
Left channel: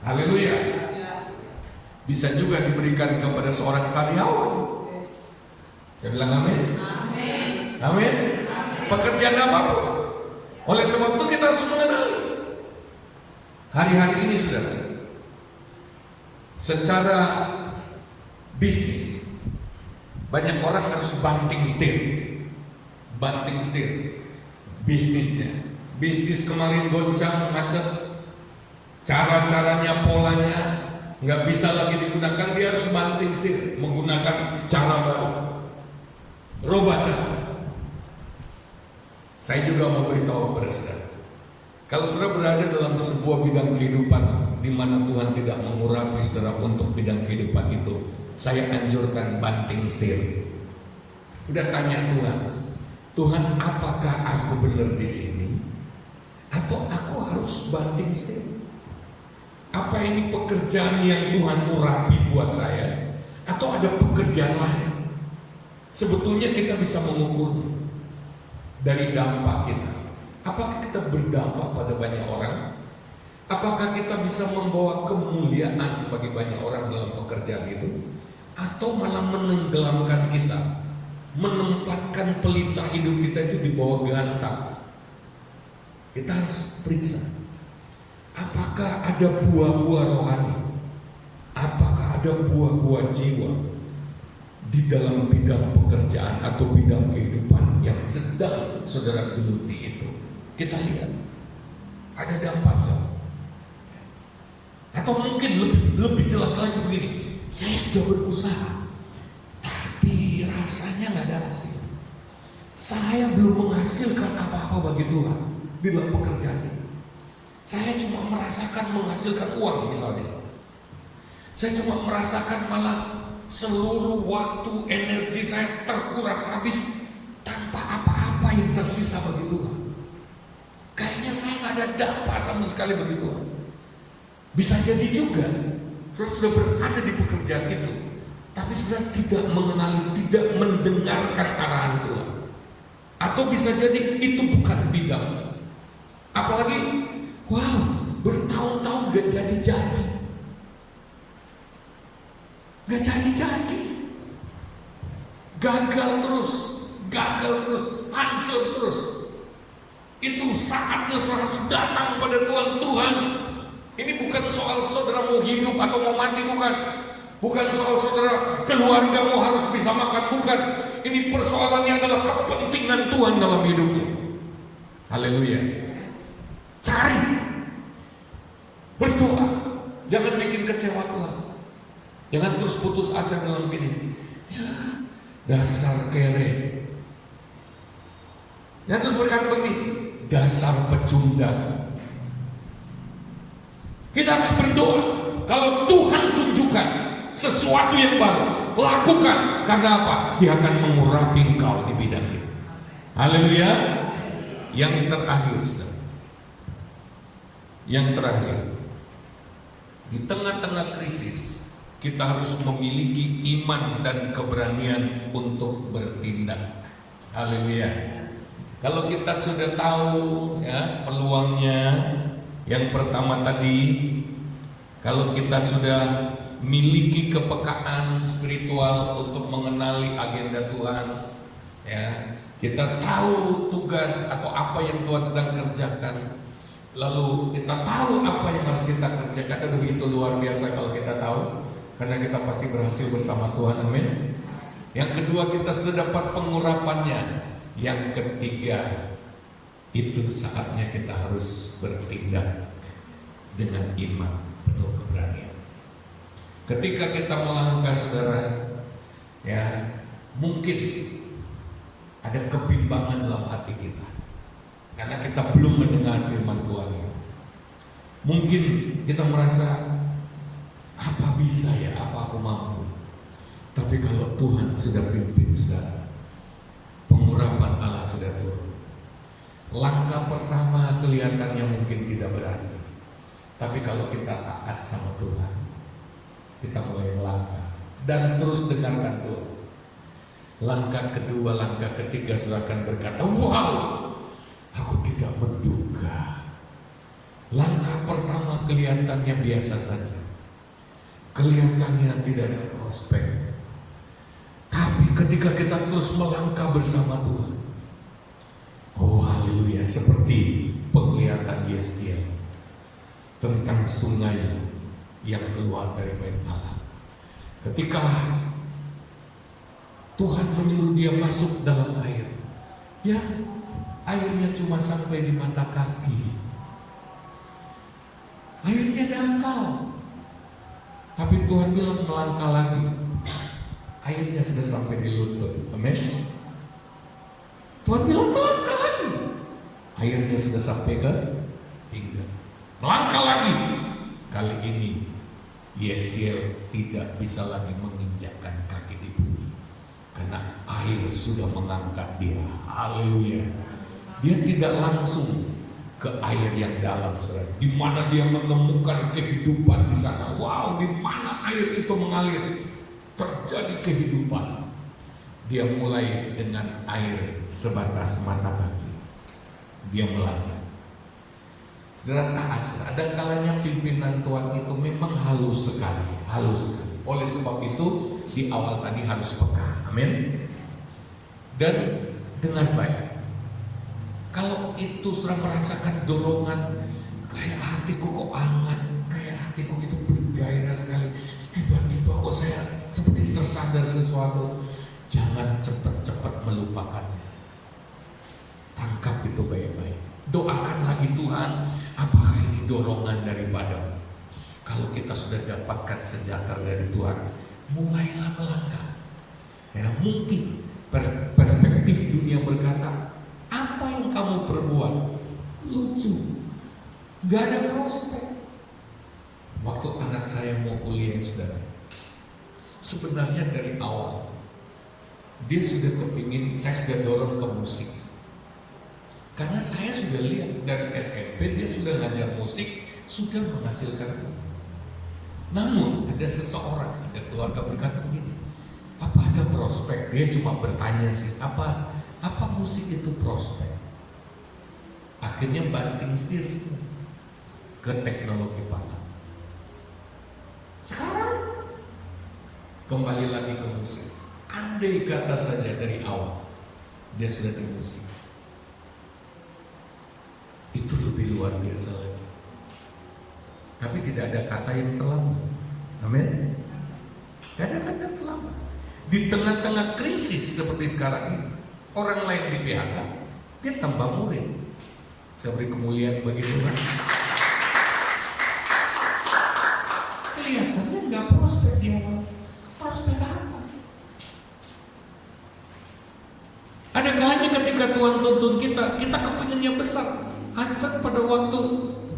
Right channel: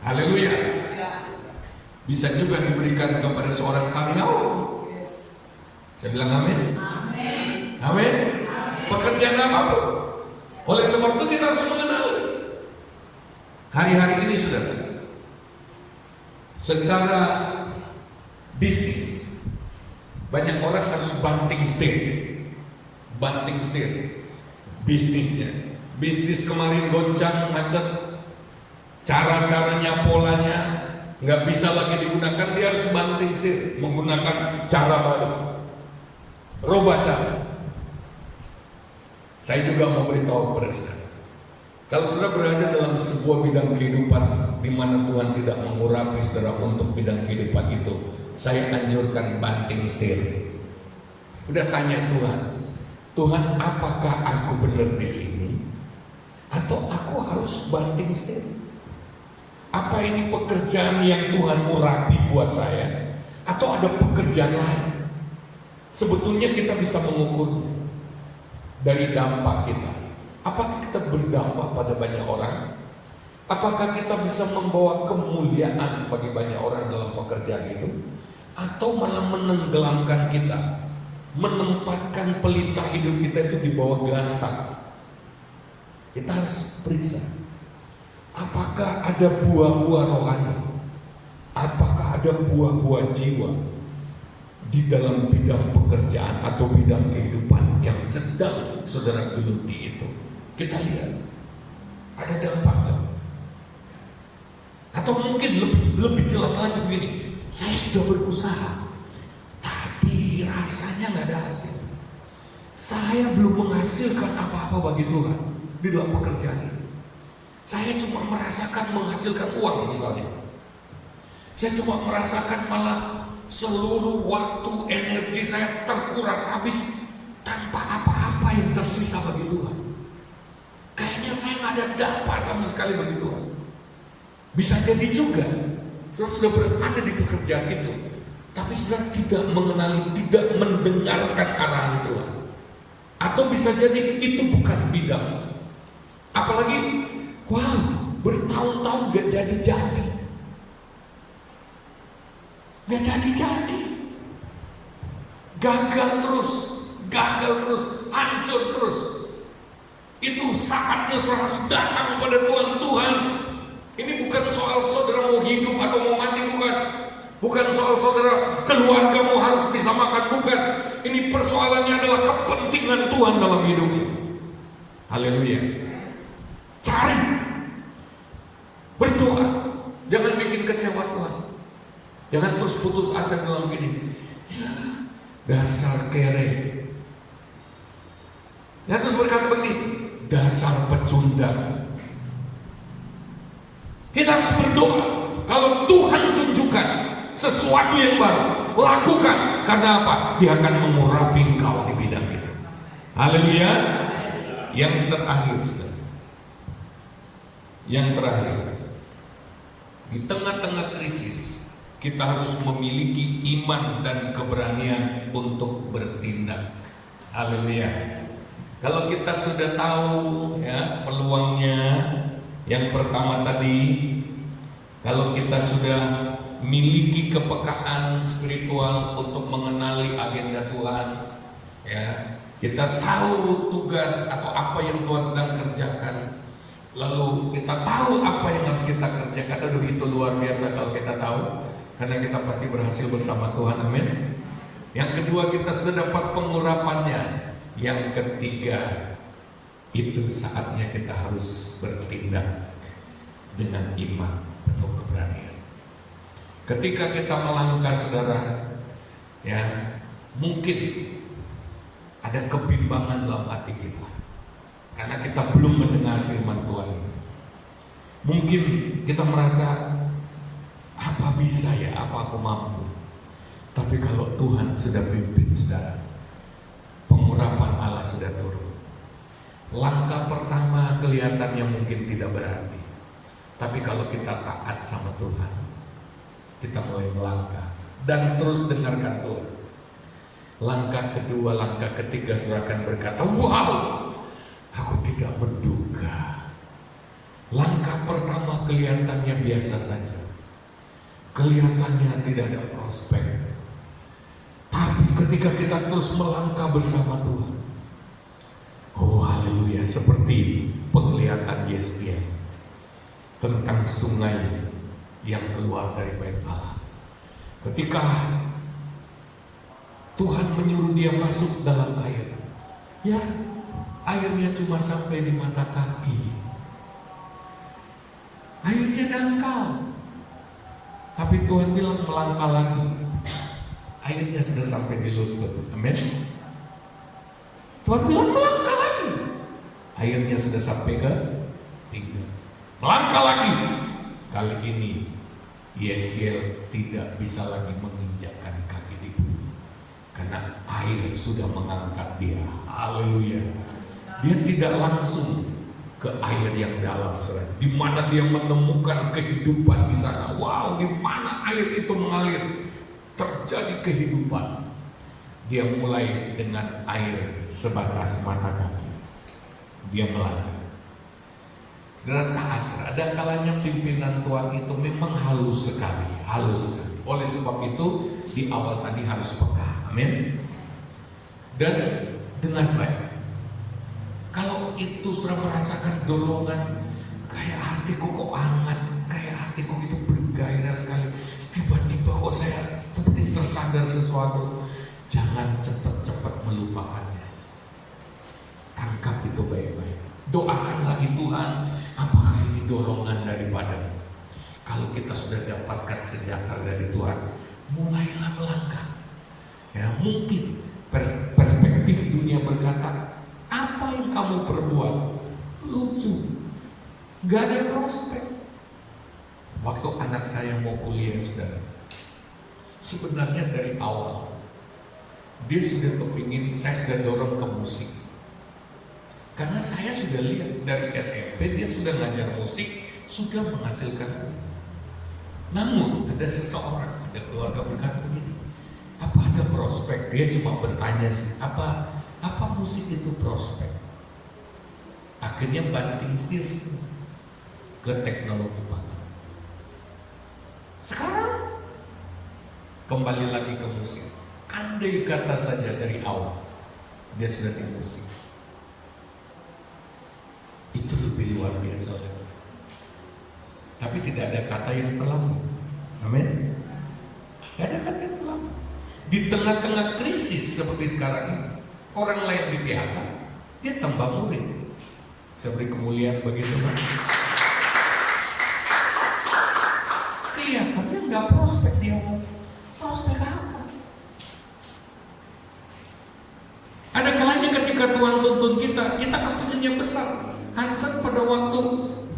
Haleluya. Bisa juga diberikan kepada seorang karyawan. Saya bilang amin. Amin. Amin. Pekerjaan apapun. Oleh sebab itu kita harus mengenali. Hari-hari ini saudara, secara bisnis banyak orang harus banting setir bisnisnya. Bisnis kemarin goncang macet, cara-caranya, polanya nggak bisa lagi digunakan. Dia harus banting setir, menggunakan cara baru, rubah cara. Saya juga mau beritahu kepada saudara, kalau saudara berada dalam sebuah bidang kehidupan di mana Tuhan tidak mengurapi saudara untuk bidang kehidupan itu, saya anjurkan banting setir. Udah tanya Tuhan, apakah aku benar di sini? Atau aku harus banting setir? Apa ini pekerjaan yang Tuhan urapi buat saya? Atau ada pekerjaan lain? Sebetulnya kita bisa mengukurnya dari dampak kita. Apakah kita berdampak pada banyak orang? Apakah kita bisa membawa kemuliaan bagi banyak orang dalam pekerjaan itu? Atau malah menenggelamkan kita, menempatkan pelita hidup kita itu di bawah gantang? Kita harus periksa, apakah ada buah-buah rohani, apakah ada buah-buah jiwa di dalam bidang pekerjaan atau bidang kehidupan yang sedang saudara geluti itu. Kita lihat, ada dampak nggak? Atau mungkin lebih jelas lagi begini, saya sudah berusaha, tapi rasanya nggak ada hasil. Saya belum menghasilkan apa-apa bagi Tuhan di dalam pekerjaan ini. Saya cuma merasakan menghasilkan uang misalnya. Saya cuma merasakan malah seluruh waktu, energi saya terkuras habis tanpa apa-apa yang tersisa bagi Tuhan. Kayaknya saya nggak ada dampak sama sekali bagi Tuhan. Bisa jadi juga saudara sudah berada di pekerjaan itu, tapi saudara tidak mengenali, tidak mendengarkan arahan Tuhan. Atau bisa jadi itu bukan bidang. Apalagi, bertahun-tahun gak jadi-jadi. Gak jadi-jadi. Gagal terus, hancur terus. Itu saatnya saudara harus datang pada Tuhan. Ini bukan soal saudara mau hidup atau mau mati, bukan. Bukan soal saudara keluargamu harus bisa makan, bukan. Ini persoalannya adalah kepentingan Tuhan dalam hidupmu. Haleluya. Cari, berdoa, jangan bikin kecewa Tuhan. Jangan terus putus asa dalam gini. Ya, dasar kere. Ya, terus berkata begini, dasar pecundang. Kita harus berdoa. Kalau Tuhan tunjukkan sesuatu yang baru, lakukan. Karena apa? Dia akan mengurapi engkau di bidang itu. Haleluya. Yang terakhir, saudara. Yang terakhir, di tengah-tengah krisis, kita harus memiliki iman dan keberanian untuk bertindak. Haleluya. Kalau kita sudah tahu ya peluangnya, yang pertama tadi, kalau kita sudah miliki kepekaan spiritual untuk mengenali agenda Tuhan, ya. Kita tahu tugas atau apa yang Tuhan sedang kerjakan. Lalu kita tahu apa yang harus kita kerjakan. Aduh, itu luar biasa kalau kita tahu, karena kita pasti berhasil bersama Tuhan. Amin. Yang kedua, kita sudah dapat pengurapannya. Yang ketiga, itu saatnya kita harus bertindak dengan iman penuh keberanian. Ketika kita melangkah, saudara, ya, mungkin ada kebimbangan dalam hati kita karena kita belum mendengar firman Tuhan. Mungkin kita merasa, apa bisa ya, apa aku mampu. Tapi kalau Tuhan sudah pimpin, saudara, pengurapan Allah sudah turun. Langkah pertama kelihatannya mungkin tidak berarti, tapi kalau kita taat sama Tuhan, kita mulai melangkah dan terus dengarkan Tuhan. Langkah kedua, langkah ketiga, saudara akan berkata, wow, aku tidak menduga. Langkah pertama kelihatannya biasa saja, kelihatannya tidak ada prospek. Tapi ketika kita terus melangkah bersama Tuhan, oh haleluya, seperti penglihatan Yeskiel tentang sungai yang keluar dari bait Allah. Ketika Tuhan menyuruh dia masuk dalam air, ya, airnya cuma sampai di mata kaki. Airnya dangkal. Tapi Tuhan bilang melangkah lagi. Airnya sudah sampai di lutut. Amin. Tuhan bilang melangkah lagi. Airnya sudah sampai ke pinggang. Melangkah lagi. Kali ini Yeskiel tidak bisa lagi menginjakkan kaki di bumi, karena air sudah mengangkat dia. Haleluya. Dia tidak langsung ke air yang dalam, saudara, di mana dia menemukan kehidupan di sana. Wow, di mana air itu mengalir, terjadi kehidupan. Dia mulai dengan air sebatas mata kaki. Dia melangkah. Saudara, taat, saudara. Ada kalanya pimpinan Tuhan itu memang halus sekali, halus sekali. Oleh sebab itu di awal tadi harus peka. Amin. Dan dengan baik. Kalau itu sudah merasakan dorongan, kayak hatiku kok hangat, kayak hatiku itu bergairah sekali, tiba-tiba kok saya seperti tersadar sesuatu, jangan cepat-cepat melupakannya. Tangkap itu baik-baik. Doakan lagi, Tuhan, apakah ini dorongan daripadamu? Kalau kita sudah dapatkan sejahtera dari Tuhan, mulailah melangkah. Ya, mungkin perspektif dunia berkata, apa yang kamu perbuat lucu, gak ada prospek. Waktu anak saya mau kuliah, saudara, sebenarnya dari awal dia sudah kepingin, saya sudah dorong ke musik, karena saya sudah lihat dari SMP dia sudah ngajar musik, sudah menghasilkan. Namun ada seseorang, ada keluarga berkata begini, apa ada prospek? Dia cuma bertanya sih, apa musik itu prospek? Akhirnya banting setir semua ke teknologi pangan. Sekarang kembali lagi ke musik. Andai kata saja dari awal dia sudah di musik, itu lebih luar biasa lagi. Tapi tidak ada kata yang terlambat. Amin. Tidak ada kata yang terlambat. Di tengah-tengah krisis seperti sekarang ini, orang lain di PHK, dia tambah murid. Saya beri kemuliaan bagi Tuhan. Kelihatannya nggak prospek di awal. Prospek apa? Ada kalanya ketika Tuhan tuntun kita kepingin yang besar. Hansen pada waktu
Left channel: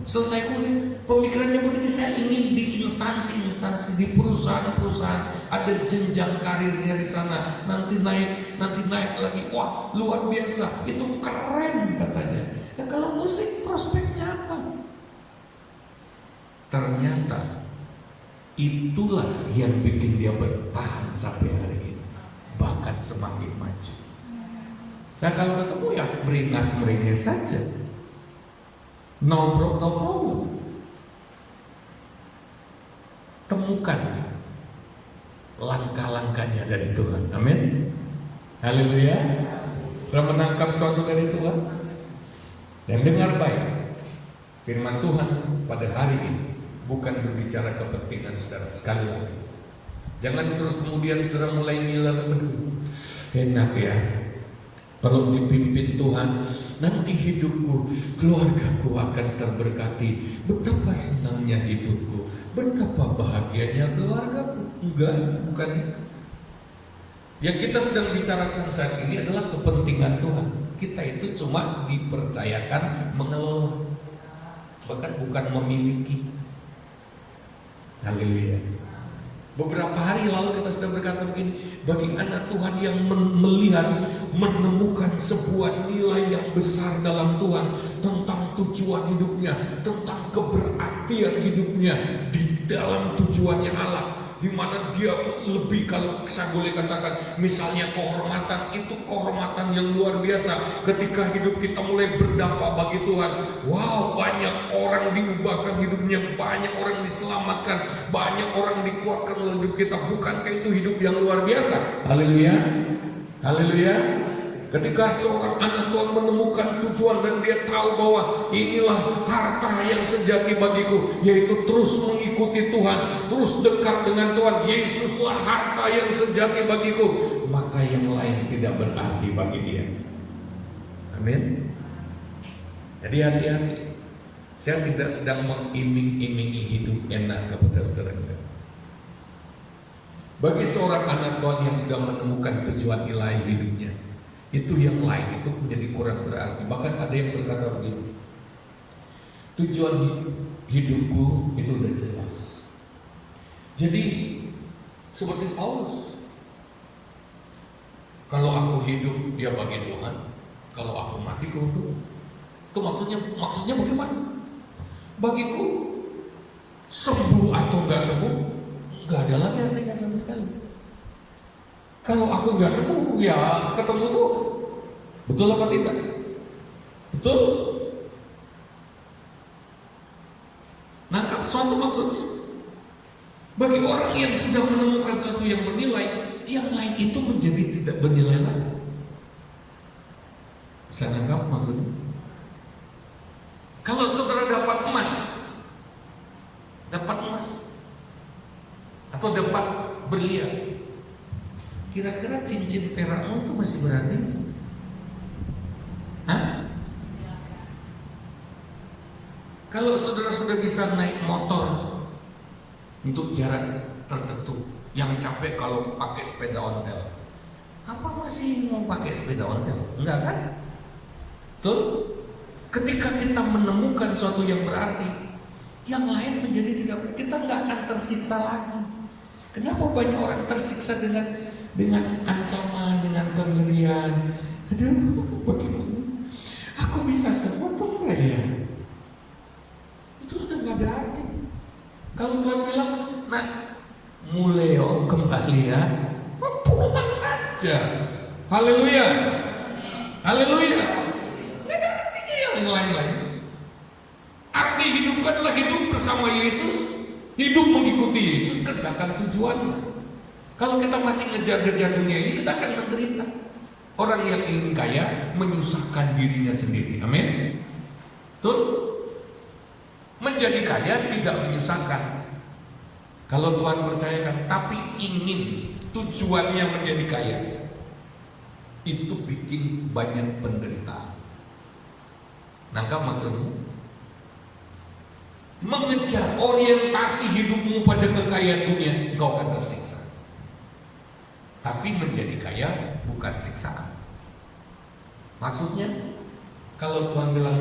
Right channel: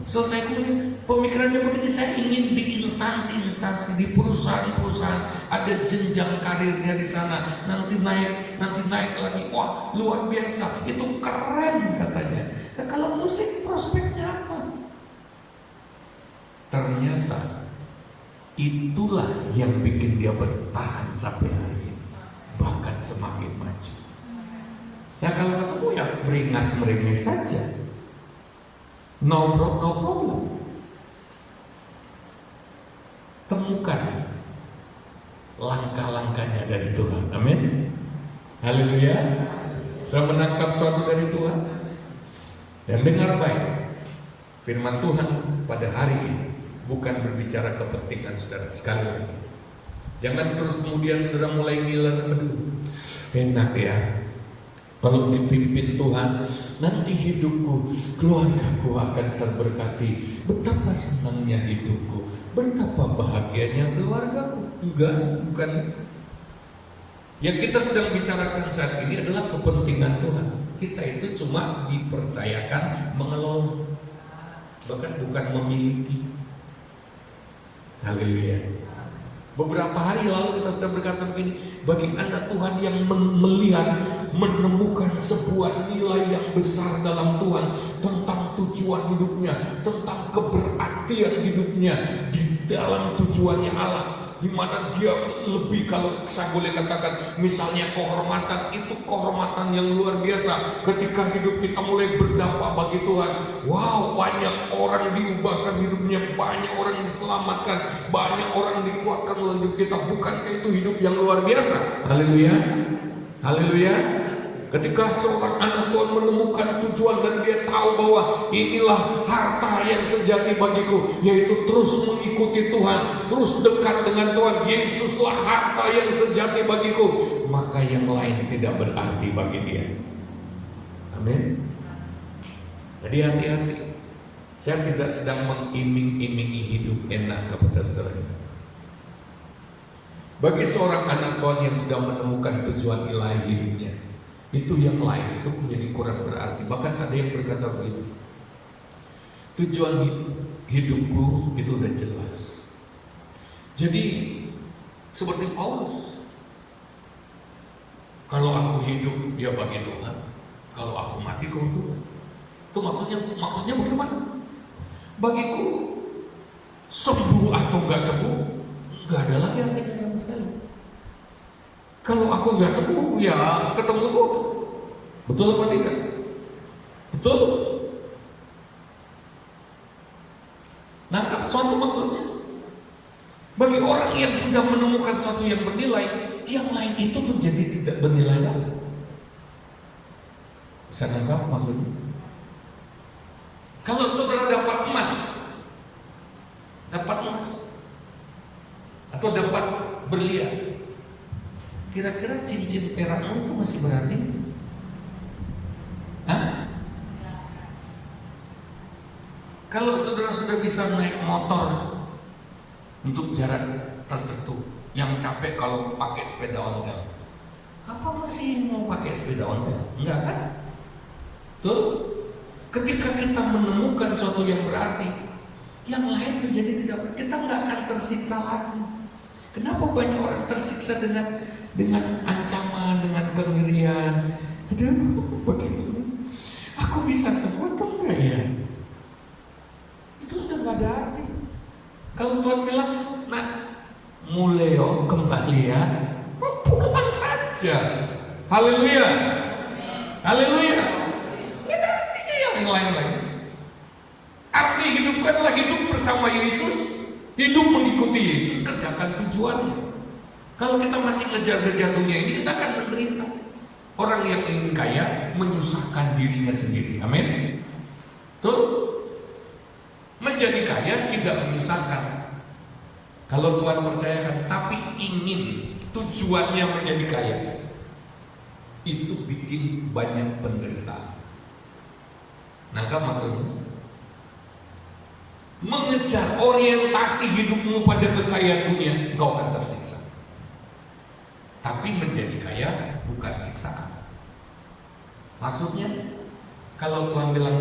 selesai kuliah, pemikirannya begini, saya ingin di instansi-instansi, di perusahaan-perusahaan, ada jenjang karirnya di sana, nanti naik lagi, wah luar biasa, itu keren katanya. Nah, kalau musik prospeknya apa? Ternyata itulah yang bikin dia bertahan sampai hari ini, bahkan semakin maju. Nah kalau ketemu ya meringas saja. No problem. Temukan langkah-langkahnya dari Tuhan. Amin. Haleluya. Sudah menangkap suatu dari Tuhan dan dengar baik firman Tuhan pada hari ini. Bukan berbicara kepentingan saudara. Sekali lagi, jangan terus kemudian saudara mulai ngiler, aduh enak ya kalau dipimpin Tuhan, nanti hidupku, keluargaku akan terberkati. Betapa senangnya hidupku, betapa bahagianya keluargaku. Enggak, bukan itu. Yang kita sedang bicarakan saat ini adalah kepentingan Tuhan. Kita itu cuma dipercayakan mengelola, bahkan bukan memiliki. Haleluya. Beberapa hari lalu kita sudah berkata begini, bagi anak Tuhan yang melihat, menemukan sebuah nilai yang besar dalam Tuhan, tentang tujuan hidupnya, tentang keberartian hidupnya di dalam tujuannya Allah, di mana dia lebih, kalau saya boleh katakan, misalnya kehormatan, itu kehormatan yang luar biasa. Ketika hidup kita mulai berdampak bagi Tuhan, wow, banyak orang diubahkan hidupnya, banyak orang diselamatkan, banyak orang dikuatkan oleh hidup kita. Bukankah itu hidup yang luar biasa? Haleluya, haleluya. Ketika seorang anak Tuhan menemukan tujuan dan dia tahu bahwa inilah harta yang sejati bagiku, yaitu terus mengikuti Tuhan, terus dekat dengan Tuhan. Yesuslah harta yang sejati bagiku, maka yang lain tidak berarti bagi dia. Amin. Jadi hati-hati. Saya tidak sedang mengiming-imingi hidup enak kepada saudara. Bagi seorang anak Tuhan yang sudah menemukan tujuan ilahi hidupnya, itu yang lain itu menjadi kurang berarti. Bahkan ada yang berkata begini, tujuan hidupku itu udah jelas. Jadi seperti Paulus, kalau aku hidup ya bagi Tuhan, kalau aku mati kau Tuhan. Itu maksudnya bagaimana? Bagiku sembuh atau enggak sembuh enggak ada lagi artinya sama sekali. Kalau aku nggak sembuh, ya ketemu Tuhan. Betul apa tidak? Betul? Nangkap suatu maksudnya. Bagi orang yang sudah menemukan sesuatu yang bernilai, yang lain itu menjadi tidak bernilai lagi. Bisa nangkap maksudnya? Kalau saudara dapat emas atau dapat berlian, kira-kira cincin perakmu itu masih berarti? Hah? Kalau saudara sudah bisa naik motor untuk jarak tertentu, yang capek kalau pakai sepeda ontel, apa masih mau pakai sepeda ontel? Enggak kan? Betul? Ketika kita menemukan sesuatu yang berarti, yang lain menjadi tidak, kita nggak akan tersiksa lagi. Kenapa banyak orang tersiksa dengan ancaman, dengan kengerian? Aduh, bagaimana? Aku bisa sembuh atau enggak ya? Itu sudah nggak ada arti. Kalau Tuhan bilang, nah, muleo kembali ya, pulang saja. Haleluya, haleluya. Tidak artinya yang lain-lain. Arti hidup adalah hidup bersama Yesus, hidup mengikuti Yesus, kerjakan tujuannya. Kalau kita masih ngejar-ngejar dunia ini, kita akan menderita. Orang yang ingin kaya menyusahkan dirinya sendiri. Amin. Betul? Menjadi kaya tidak menyusahkan. Kalau Tuhan percayakan, tapi ingin tujuannya menjadi kaya, itu bikin banyak penderitaan. Nangkap maksudnya? Mengejar orientasi hidupmu pada kekayaan dunia, engkau akan tersiksa. Tapi menjadi kaya bukan siksaan. Maksudnya, kalau Tuhan bilang,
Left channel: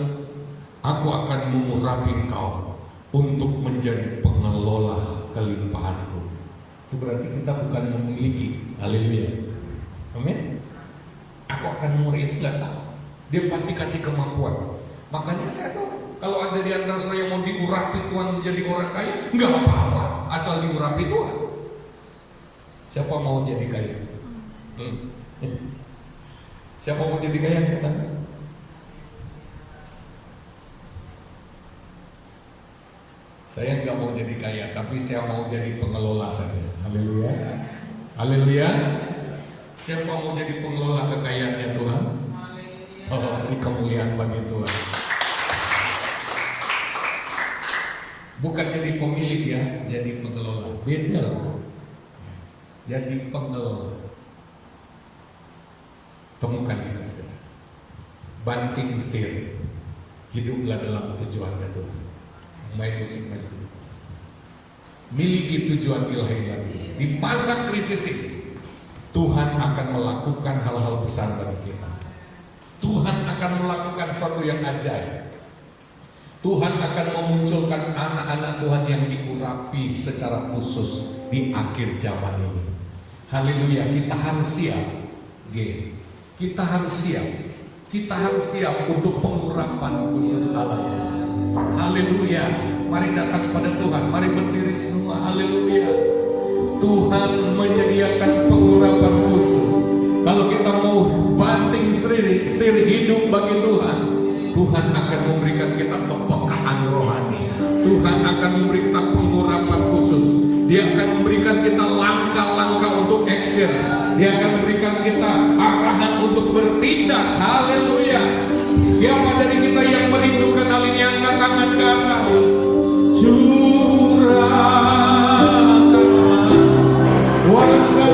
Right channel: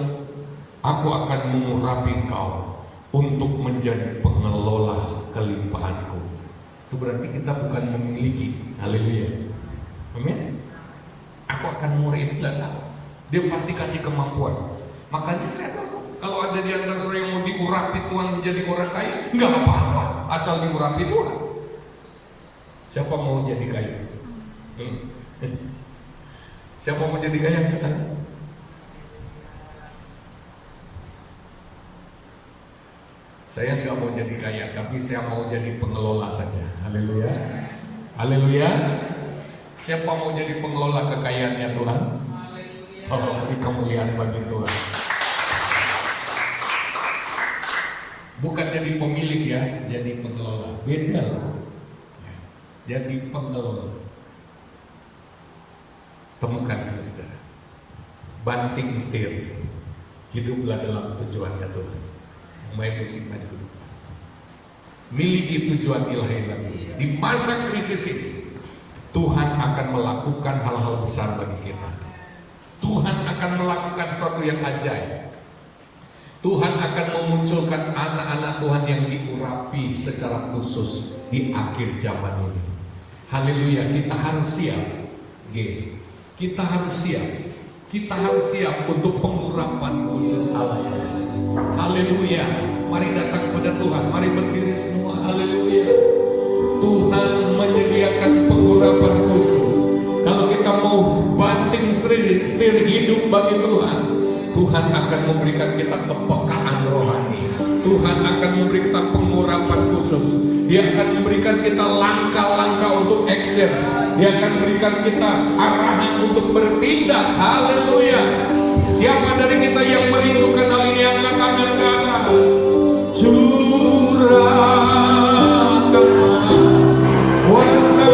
aku akan mengurapi engkau untuk menjadi pengelola kelimpahanku, itu berarti kita bukan memiliki. Haleluya, amin. Aku akan mengurapi, itu gak salah. Dia pasti kasih kemampuan. Makanya saya tahu, kalau ada di antara saudara yang mau diurapi Tuhan menjadi orang kaya, nggak apa-apa, asal diurapi Tuhan. Siapa mau jadi kaya? Siapa mau jadi kaya? Saya nggak mau jadi kaya, tapi saya mau jadi pengelola saja. Haleluya. Haleluya. Siapa mau jadi pengelola kekayaannya Tuhan? Oh, beri kemuliaan bagi Tuhan. Bukan jadi pemilik ya, jadi pengelola. Beda. Jadi pengelola. Temukan itu saudara. Banting setir. Hiduplah dalam tujuannya Tuhan. Main musik maju. Miliki tujuan ilahi. Di masa krisis ini Tuhan akan melakukan hal-hal besar bagi kita. Tuhan akan melakukan sesuatu yang ajaib. Tuhan akan memunculkan anak-anak Tuhan yang diurapi secara khusus di akhir zaman ini. Haleluya, kita harus siap. Kita harus siap. Kita harus siap untuk pengurapan khusus Allah ini. Haleluya. Mari datang pada Tuhan. Mari berdiri semua. Haleluya. Tuhan menyediakan pengurapan khusus. Kalau kita mau banting setir hidup bagi Tuhan, Tuhan akan memberikan kita kepekaan rohani. Tuhan akan memberi kita pengurapan khusus. Dia akan memberikan kita langkah-langkah untuk action. Dia akan memberikan kita arahan untuk bertindak. Haleluya. Siapa dari kita yang merindukan hal ini, angkat tangan ke atas. Curahkan kuasa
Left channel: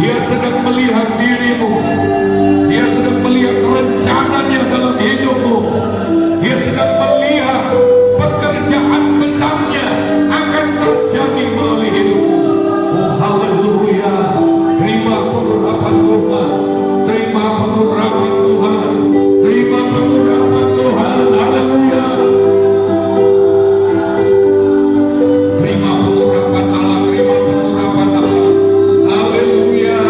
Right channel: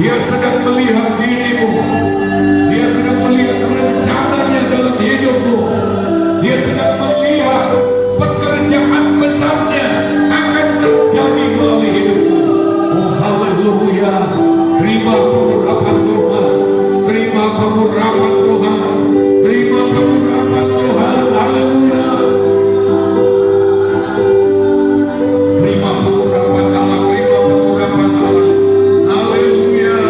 Dia sedang melihat dirimu. Dia sedang melihat rencananya dalam hidupmu. Dia sedang melihat pekerjaan besarnya akan terjadi melalui hidupmu. Oh haleluya. Terima pengurapan Tuhan. Terima pengurapan Tuhan. Terima pengurapan Tuhan. Haleluya. Terima pengurapan Allah. Terima pengurapan Allah. Haleluya.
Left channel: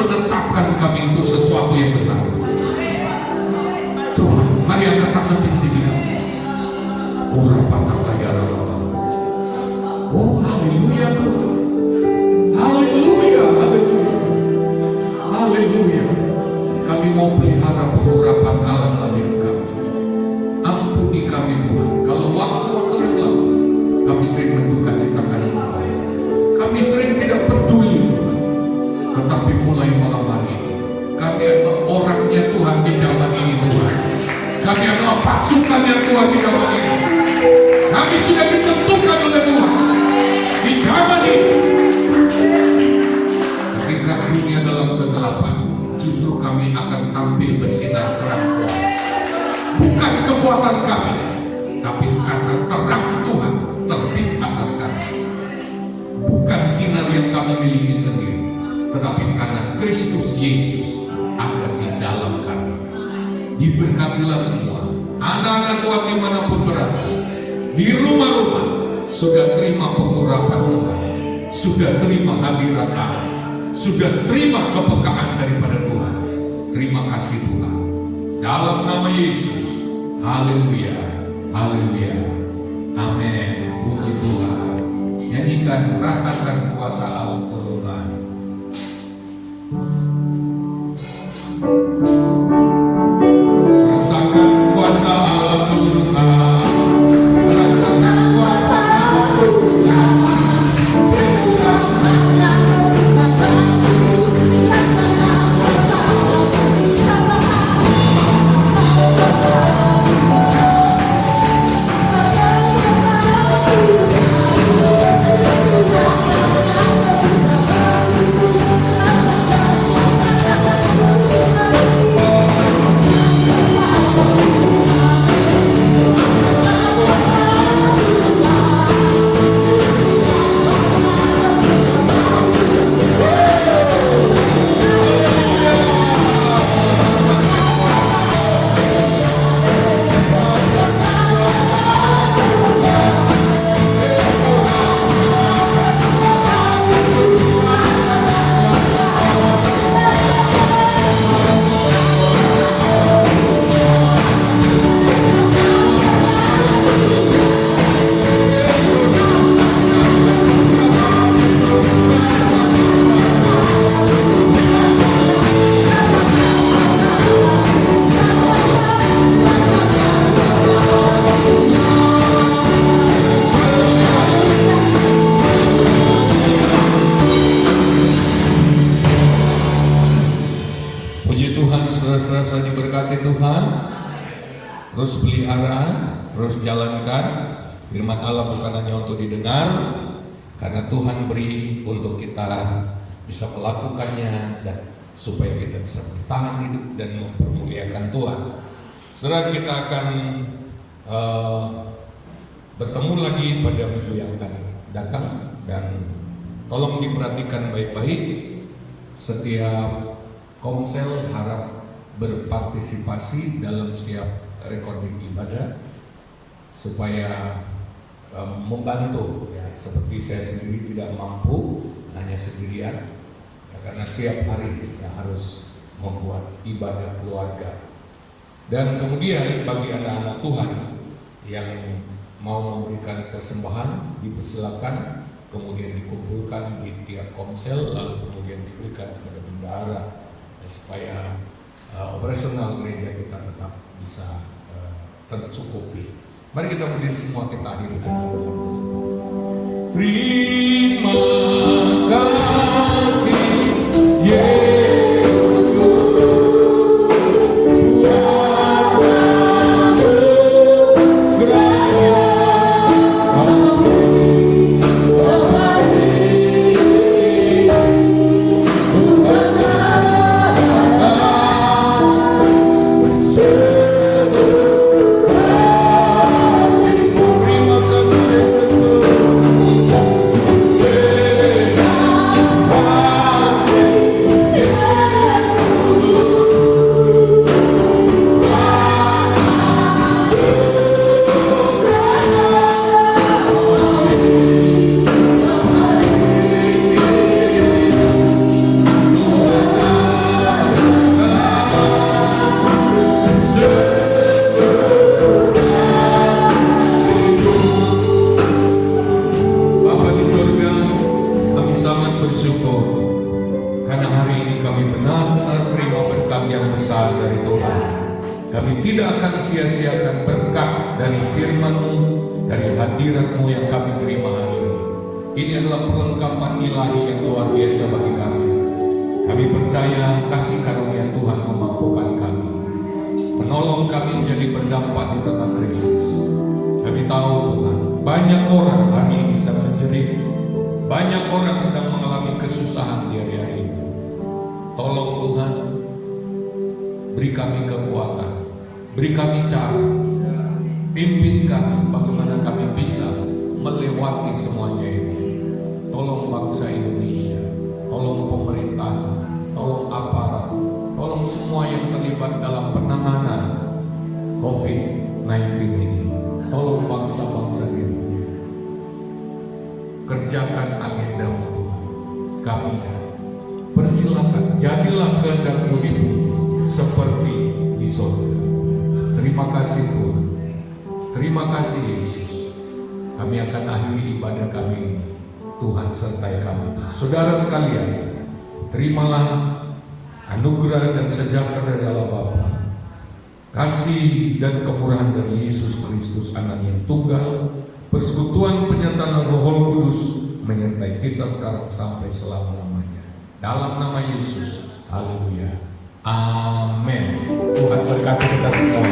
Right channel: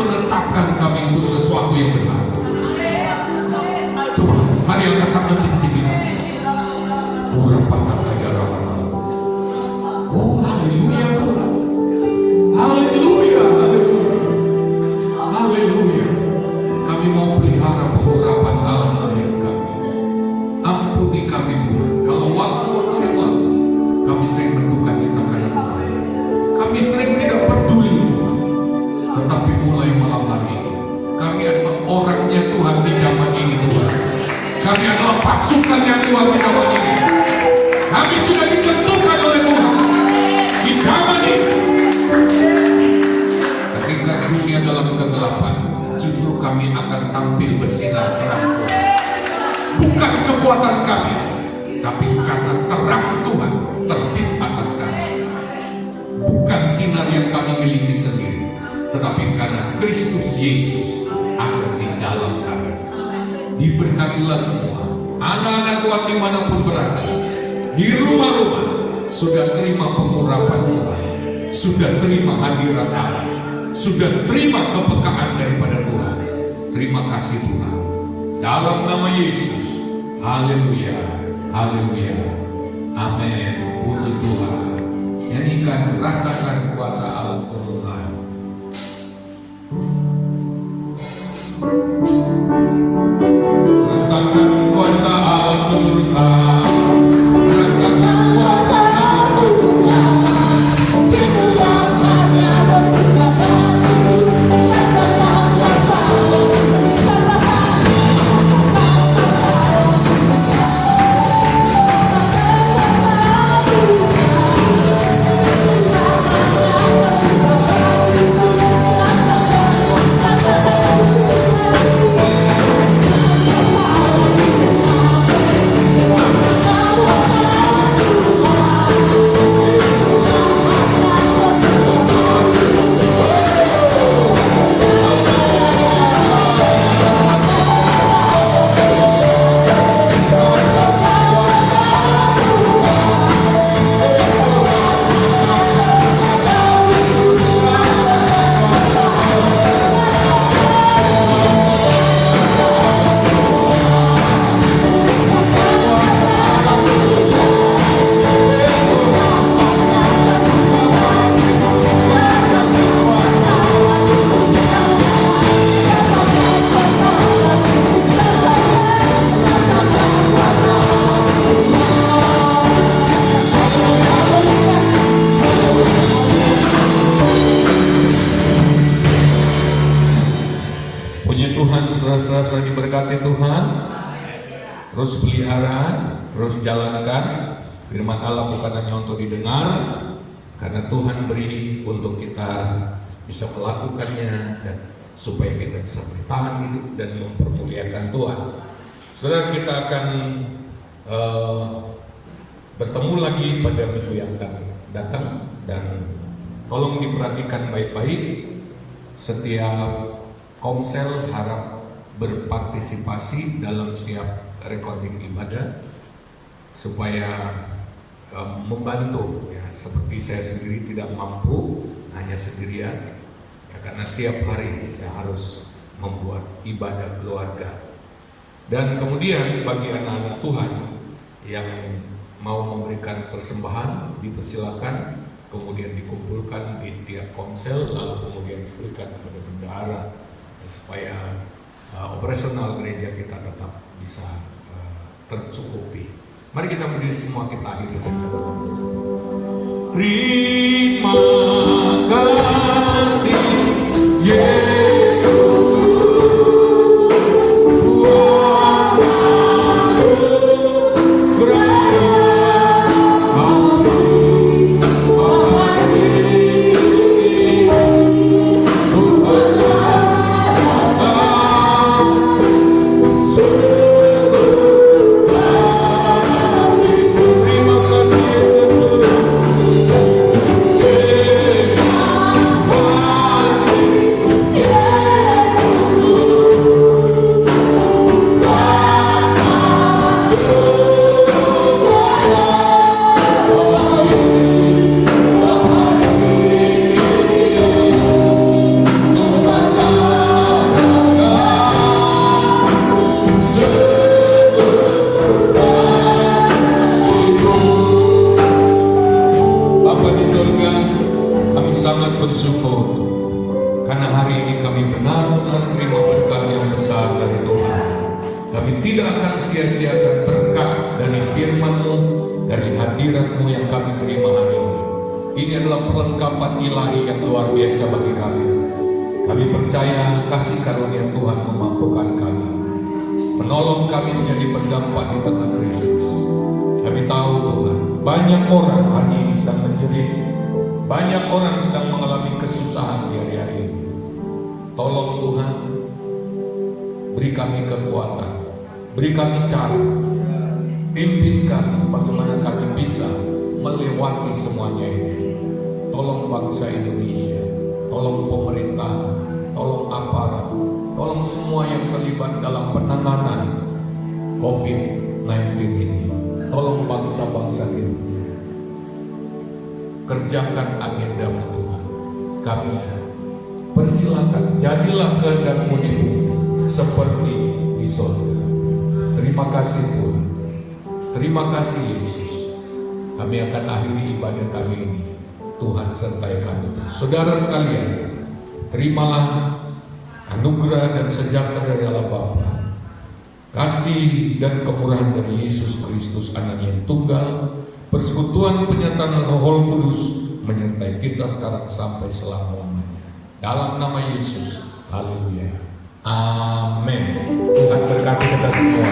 menetapkan kami untuk sesuatu yang besar. Tuhan, mari angkat tangan tinggi-tinggi kami. Oh, haleluya Tuhan. Haleluya, haleluya. Haleluya. Kami mau pelihara pengurapan dalam hidup kami. Ampuni kami Tuhan. Kalau waktu-waktu yang lalu kami sering menduga citakan Engkau. Kami sering tidak peduli Tuhan. Tetapi mulai malam hari ini kami adalah orangnya Tuhan di zaman ini Tuhan. Kami adalah pasukan yang kuat di zaman ini. Kami sudah ditentukan oleh Tuhan di zaman ini. Ketika dunia dalam kegelapan, justru kami akan tampil bersinar terang Tuhan. Bukan kekuatan kami, tapi karena terang Tuhan terbit atas kami. Bukan sinar yang kami miliki sendiri, tetapi karena Kristus Yesus ada di dalam kami. Diberkatilah semua anak-anak Tuhan dimanapun berada, di rumah-rumah sudah terima pengurapan Tuhan, sudah terima hadirat Allah, sudah terima kepekaan daripada Tuhan. Terima kasih Tuhan, dalam nama Yesus. Haleluya, haleluya, amin. Puji Tuhan. Nyanyikan, rasakan kuasa Allah Tuhan. Rasakan kuasa Allah Tuhan. Rasakan kuasa Allah Tuhan. Saudara-saudara diberkati Tuhan, terus pelihara, terus jalankan firman Allah, bukan hanya untuk didengar, karena Tuhan beri untuk kita bisa melakukannya dan supaya kita bisa bertahan hidup dan mempermuliakan Tuhan. Saudara, kita akan bertemu lagi pada minggu yang akan datang, dan tolong diperhatikan baik-baik. Setiap komsel harap berpartisipasi dalam setiap recording ibadah supaya membantu ya. Seperti saya sendiri tidak mampu hanya sendirian ya, karena tiap hari saya harus membuat ibadah keluarga. Dan kemudian bagi anak-anak Tuhan yang mau memberikan persembahan, dipersilakan, kemudian dikumpulkan di tiap komsel, lalu kemudian diberikan kepada bendahara supaya operasional gereja kita tetap bisa tercukupi. Mari kita berdiri semua, kita hadir dengan saudara. Terima kasih Yesus, Tuhan beraya kami sia-siakan berkat dari firman-Mu, dari hadirat-Mu yang kami terima hari ini. Ini adalah perlengkapan ilahi yang luar biasa bagi kami. Kami percaya kasih karunia Tuhan memampukan kami menolong kami menjadi berdampak di tengah krisis. Kami tahu Tuhan, banyak orang hari ini sedang menjerit, banyak orang sedang mengalami kesusahan di hari-hari ini. Tolong Tuhan, beri kami kekuatan, beri kami cara, pimpin kami bagaimana kami bisa melewati semuanya ini. Tolong bangsa Indonesia, tolong pemerintah, tolong aparat, tolong semua yang terlibat dalam penanganan COVID-19 ini. Tolong bangsa-bangsa ini, kerjakan agenda-Mu Tuhan. Kami persilakan, jadilah kehendak-Mu di bumi seperti di surga. Terima kasih Tuhan, terima kasih Yesus. Kami akan akhiri ibadah kami ini. Tuhan sertai kami. Saudara sekalian, terimalah anugerah dan sejahtera dari Allah Bapa, kasih dan kemurahan dari Yesus Kristus Anak yang tunggal, persekutuan penyertaan Roh Kudus menyertai kita sekarang sampai selama-lamanya. Dalam nama Yesus, haleluya, amin. Tuhan berkati kita semua.